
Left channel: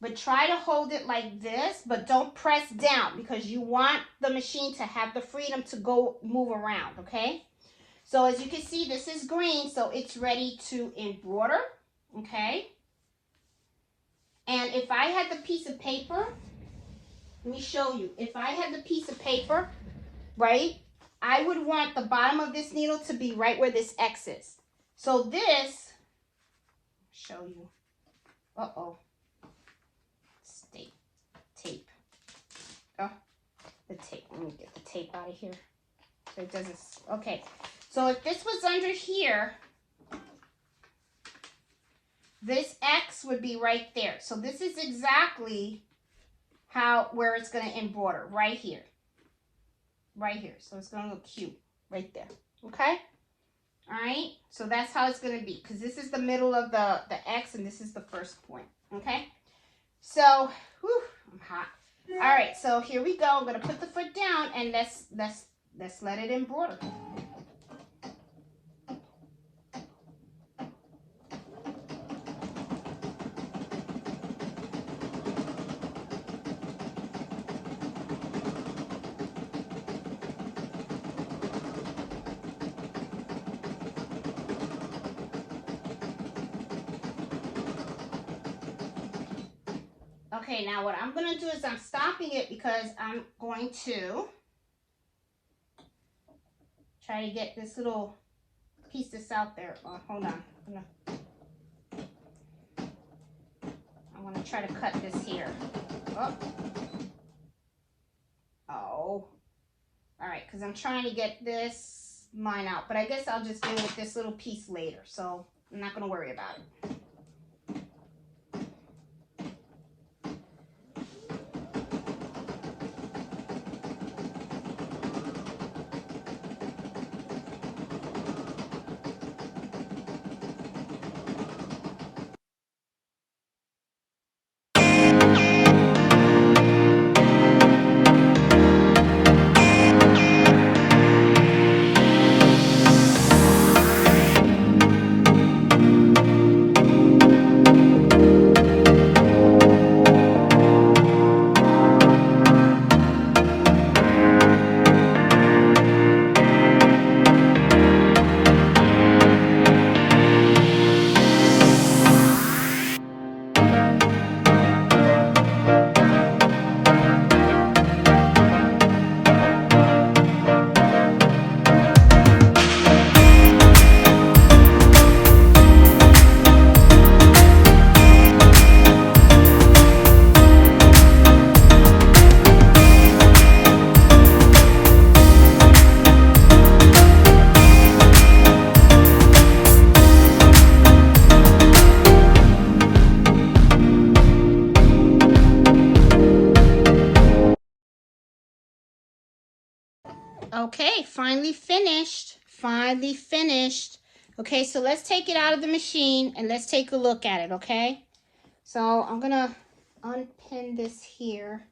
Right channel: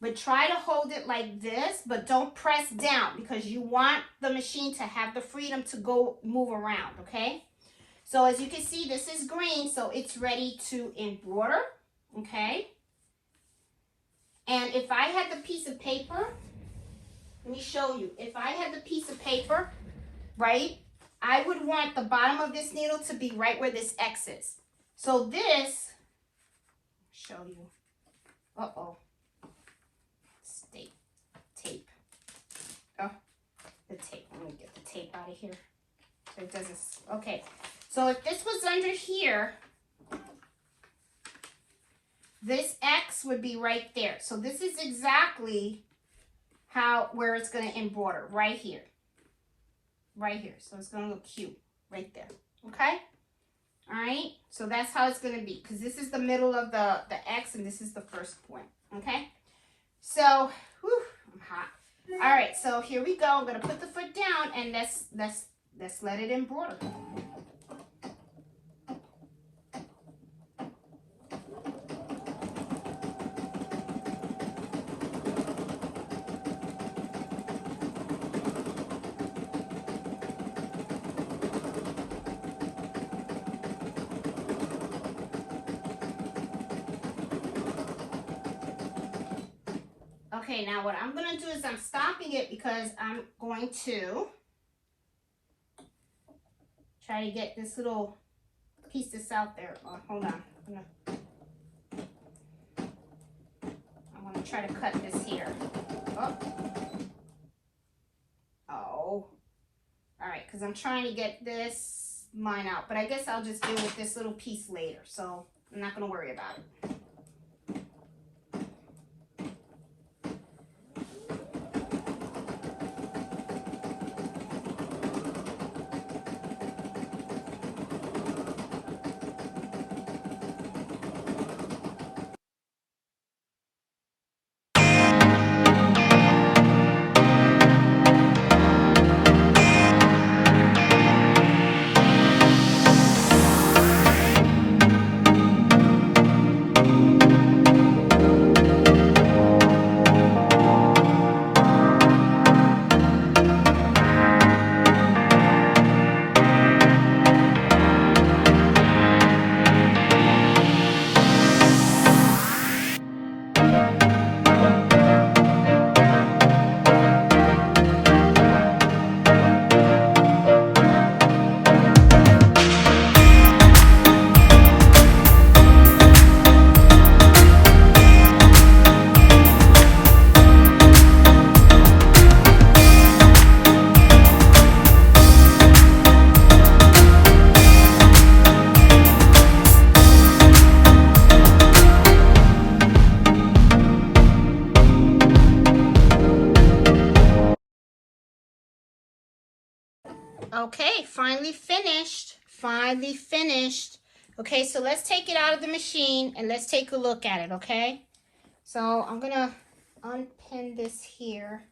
but try to hold it like this, but don't press down because you want the machine to have the freedom to go move around, okay? So as you can see, this is green, so it's ready to embroider, okay? And if I had the piece of paper, let me show you. If I had the piece of paper, right, I would want the bottom of this needle to be right where this X is. So this, show you. Uh-oh. Tape. Oh, the tape. Let me get the tape out of here. So it doesn't, okay. So if this was under here, this X would be right there. So this is exactly where it's going to embroider, right here. Right here. So it's going to look cute right there. Okay? All right? So that's how it's going to be, because this is the middle of the X, and this is the first point. Okay? So, whew, I'm hot. All right, so here we go. I'm going to put the foot down, and let's let it embroider. Okay, now what I'm going to do is I'm stopping it because I'm going to try to get this little piece that's out there. Oh, hold on. I want to try to cut this here. Oh. All right, because I'm trying to get this line out. But I guess I'll just deal with this little piece later. So I'm not going to worry about it. finally finished. Finally finished. Okay, so let's take it out of the machine and let's take a look at it, okay? So I'm gonna unpin this here.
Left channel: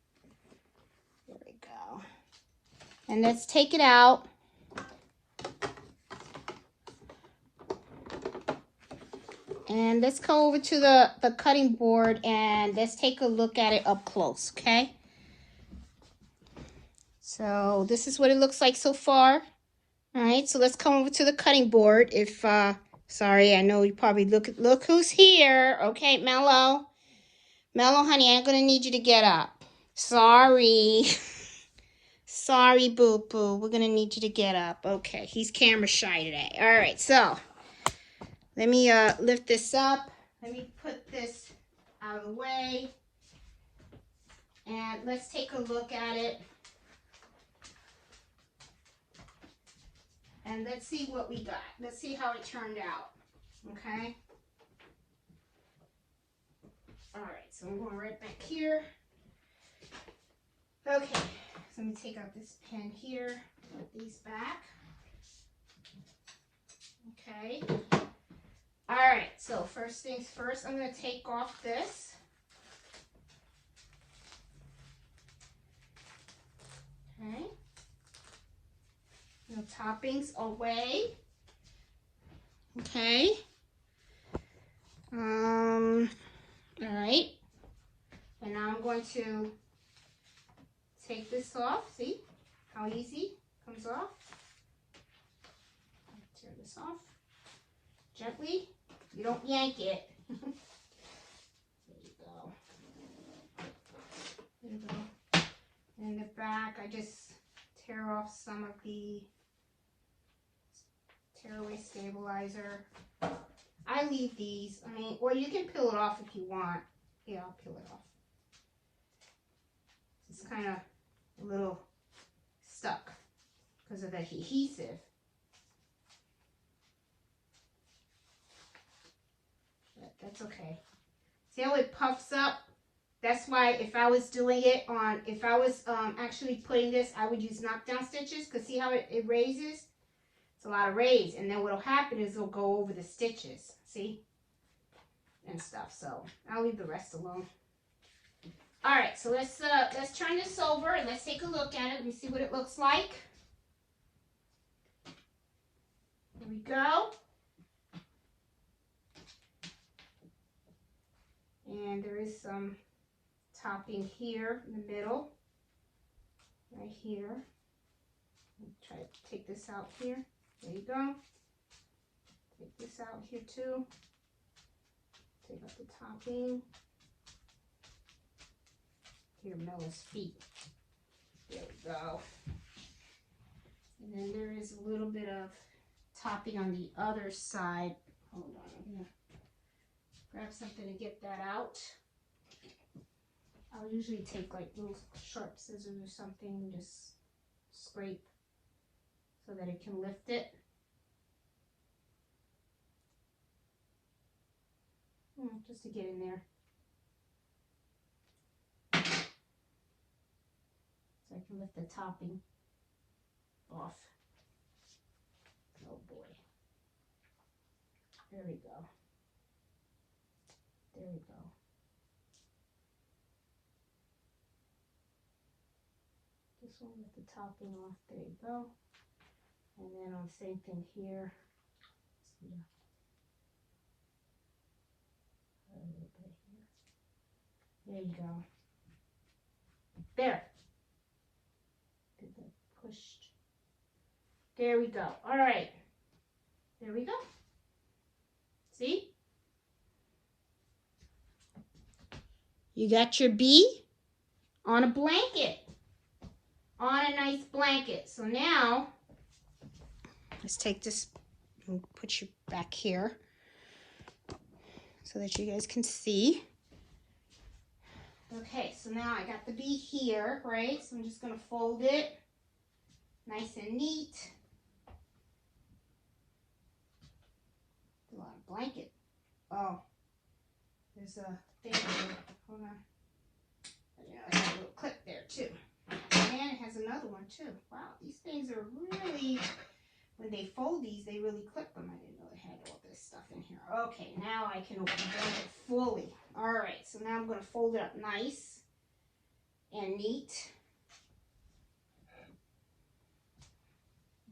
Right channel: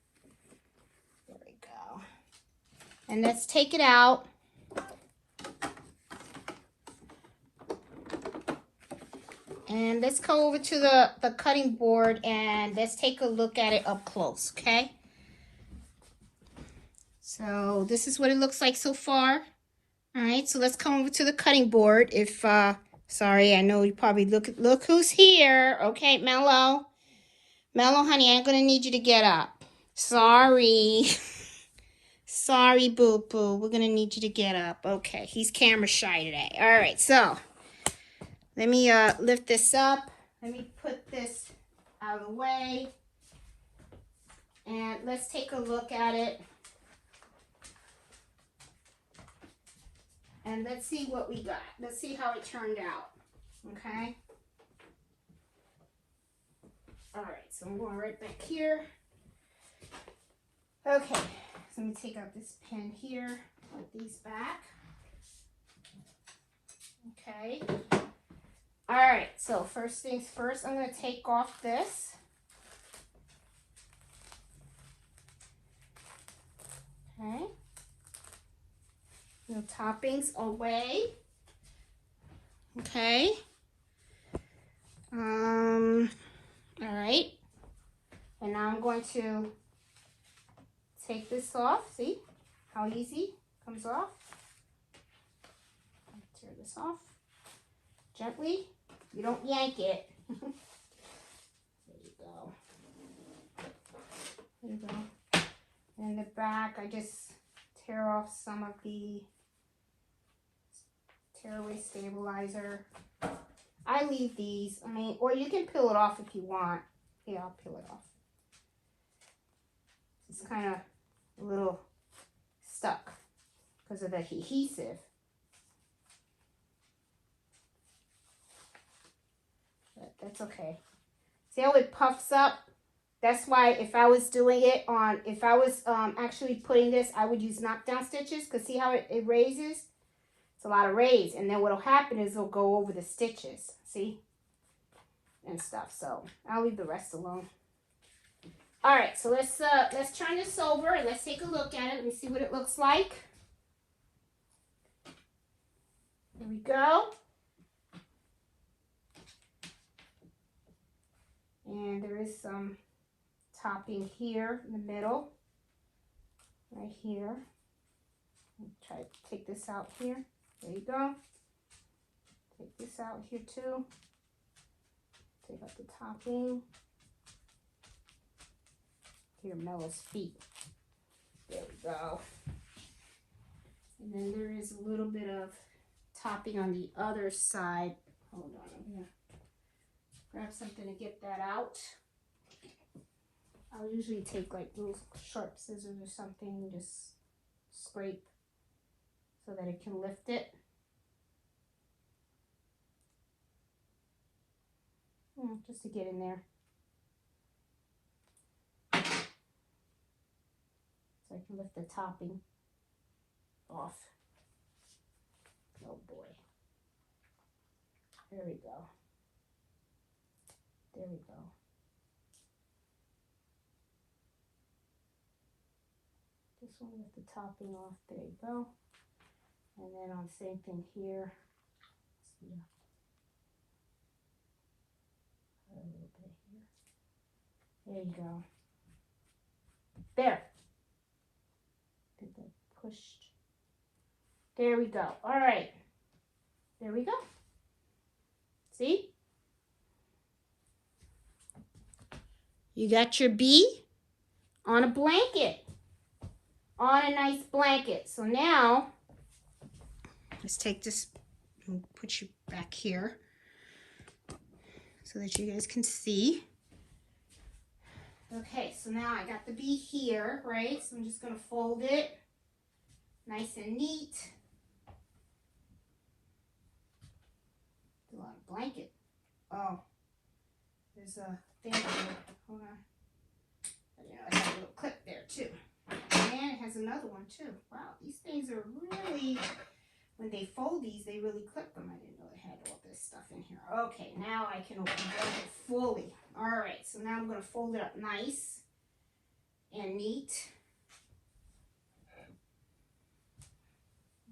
There we go. And let's take it out. And let's go over to the cutting board and let's take a look at it up close, okay? So this is what it looks like so far. All right, so let's come over to the cutting board. If, sorry, I know you probably look who's here. Okay, Mello. Mello, honey, I'm gonna need you to get up. Sorry. Sorry, boo-boo. We're gonna need you to get up. Okay, he's camera shy today. All right, so let me lift this up. Let me put this out of the way. And let's take a look at it. And let's see what we got. Let's see how it turned out. Okay? All right, so I'm going right back here. Okay, so let me take out this pen here. Put these back. Okay. All right, so first things first, I'm going to take off this. Okay. No toppings away. Okay. All right. And now I'm going to take this off. See how easy it comes off? Tear this off gently. You don't yank it. There you go. There you go. And the back, I just tear off some of the tearaway stabilizer. I leave these. I mean, or you can peel it off if you want. Yeah, I'll peel it off. It's kind of a little stuck because of the adhesive. But that's okay. See how it puffs up? That's why if I was doing it on, if I was actually putting this, I would use knockdown stitches because see how it raises? It's a lot of raise. And then what will happen is it'll go over the stitches, see? And stuff. So I'll leave the rest alone. All right, so let's turn this over and let's take a look at it. Let me see what it looks like. Here we go. And there is some topping here in the middle, right here. Try to take this out here. There you go. Take this out here too. Take out the topping. Here, Melo's feet. There we go. And then there is a little bit of topping on the other side. Hold on, I'm gonna grab something to get that out. I'll usually take like little sharp scissors or something and just scrape so that it can lift it. Just to get in there. So I can lift the topping off. Oh boy. There we go. There we go. This one with the topping off. There you go. And then on the same thing here. See. A little bit here. There you go. There. Did that push? There we go. All right. There we go. See? You got your bee on a blanket. On a nice blanket. So now, let's take this and put you back here so that you guys can see. Okay, so now I got the bee here, right? So I'm just going to fold it nice and neat. A lot of blanket. Oh, there's a thing there. Hold on. Now I have a little clip there too. And it has has another one too. Wow, these things are really, when they fold these, they really clip them. I didn't know they had all this stuff in here. Okay, now I can open it fully. All right, so now I'm going to fold it up nice and neat.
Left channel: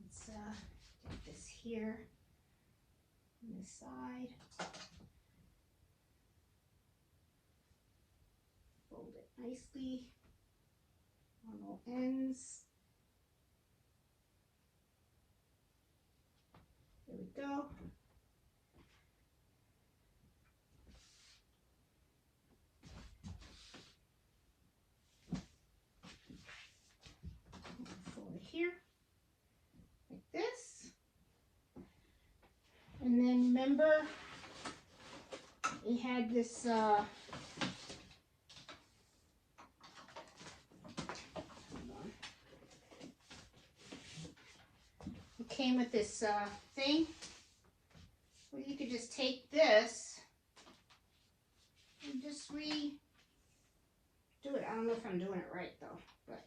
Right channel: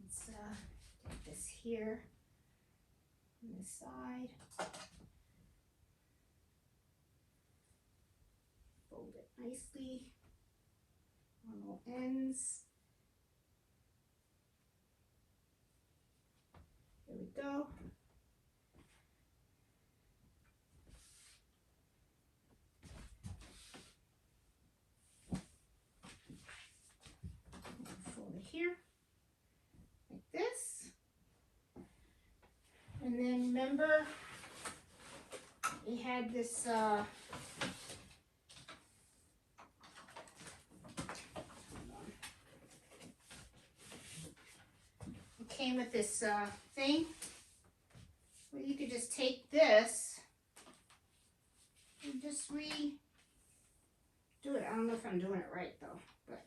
Let's get this here on this side. Fold it nicely on all ends. There we go. Fold it here, like this. And then remember, we had this it came with this thing where you could just take this and just redo it. I don't know if I'm doing it right though, but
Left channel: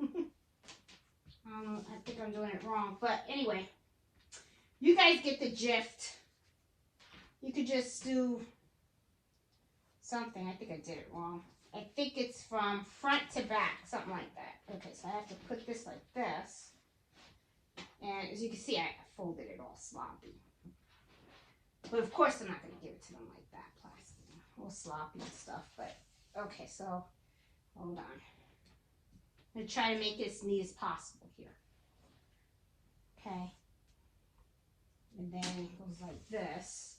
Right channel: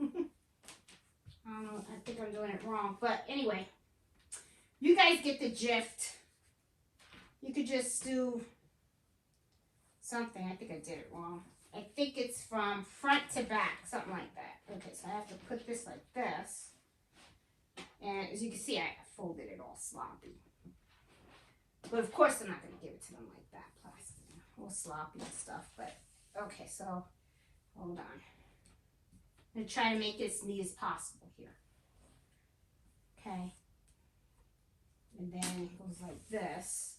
I don't know, I think I'm doing it wrong. But anyway, you guys get the gist. You could just do something. I think I did it wrong. I think it's from front to back, something like that. Okay, so I have to put this like this. And as you can see, I folded it all sloppy. But of course, I'm not going to give it to them like that, plastic, all sloppy and stuff. But okay, so hold on. I'm going to try to make it as neat as possible here. Okay. And then it goes like this.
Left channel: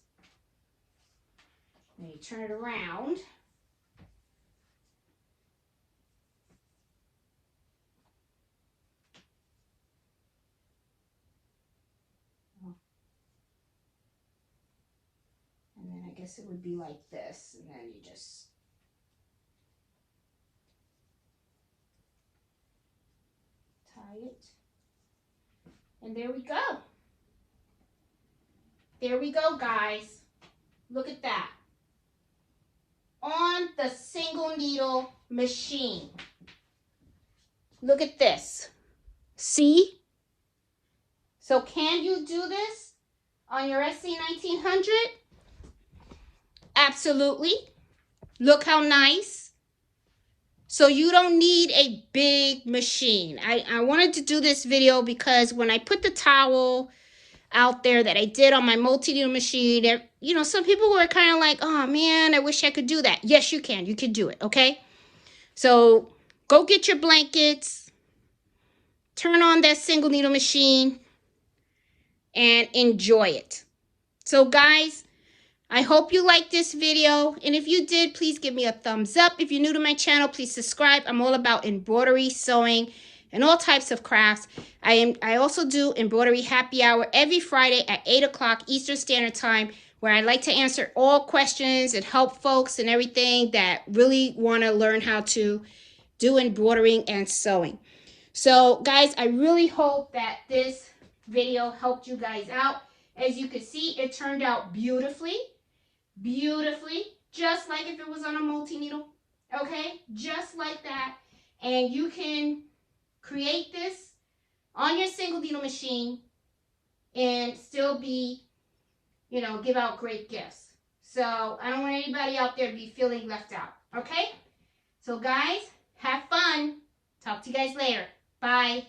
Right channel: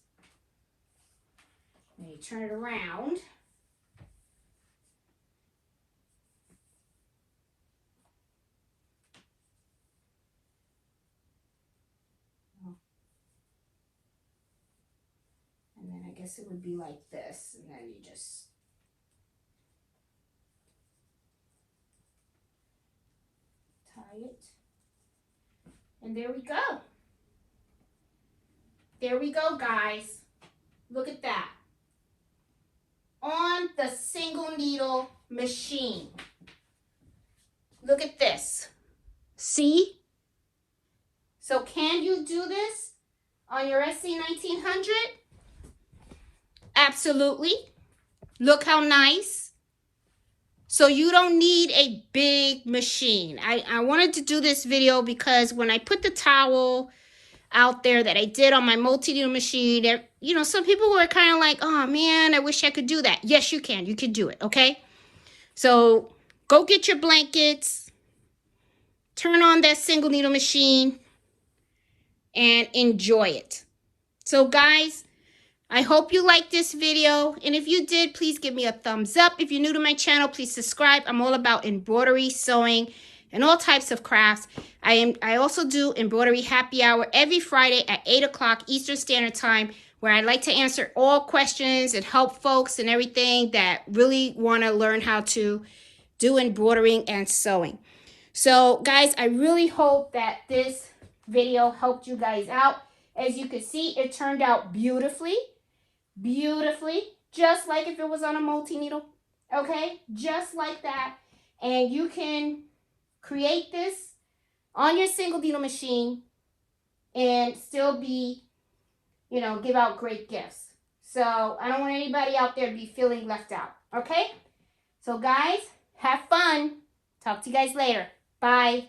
Then you turn it around. And then I guess it would be like this. And then you just tie it. And there we go. There we go, guys. Look at that. On the single needle machine. Look at this. See? So can you do this on your SE1900? Absolutely. Look how nice. So you don't need a big machine. I wanted to do this video because when I put the towel out there that I did on my multi-needle machine, you know, some people were kind of like, oh man, I wish I could do that. Yes, you can. You can do it, okay? So go get your blankets, turn on that single needle machine, and enjoy it. So guys, I hope you liked this video, and if you did, please give me a thumbs up. If you're new to my channel, please subscribe. I'm all about embroidery, sewing, and all types of crafts. I also do embroidery happy hour every Friday at 8 o'clock Eastern Standard Time, where I like to answer all questions and help folks and everything that really want to learn how to do embroidering and sewing. So guys, I really hope that this video helped you guys out. As you can see, it turned out beautifully, just like if it was on a multi-needle, okay? Just like that. And you can create this on your single needle machine and still be, you know, give out great gifts. So I don't want anybody out there to be feeling left out, okay? So guys, have fun. Talk to you guys later. Bye.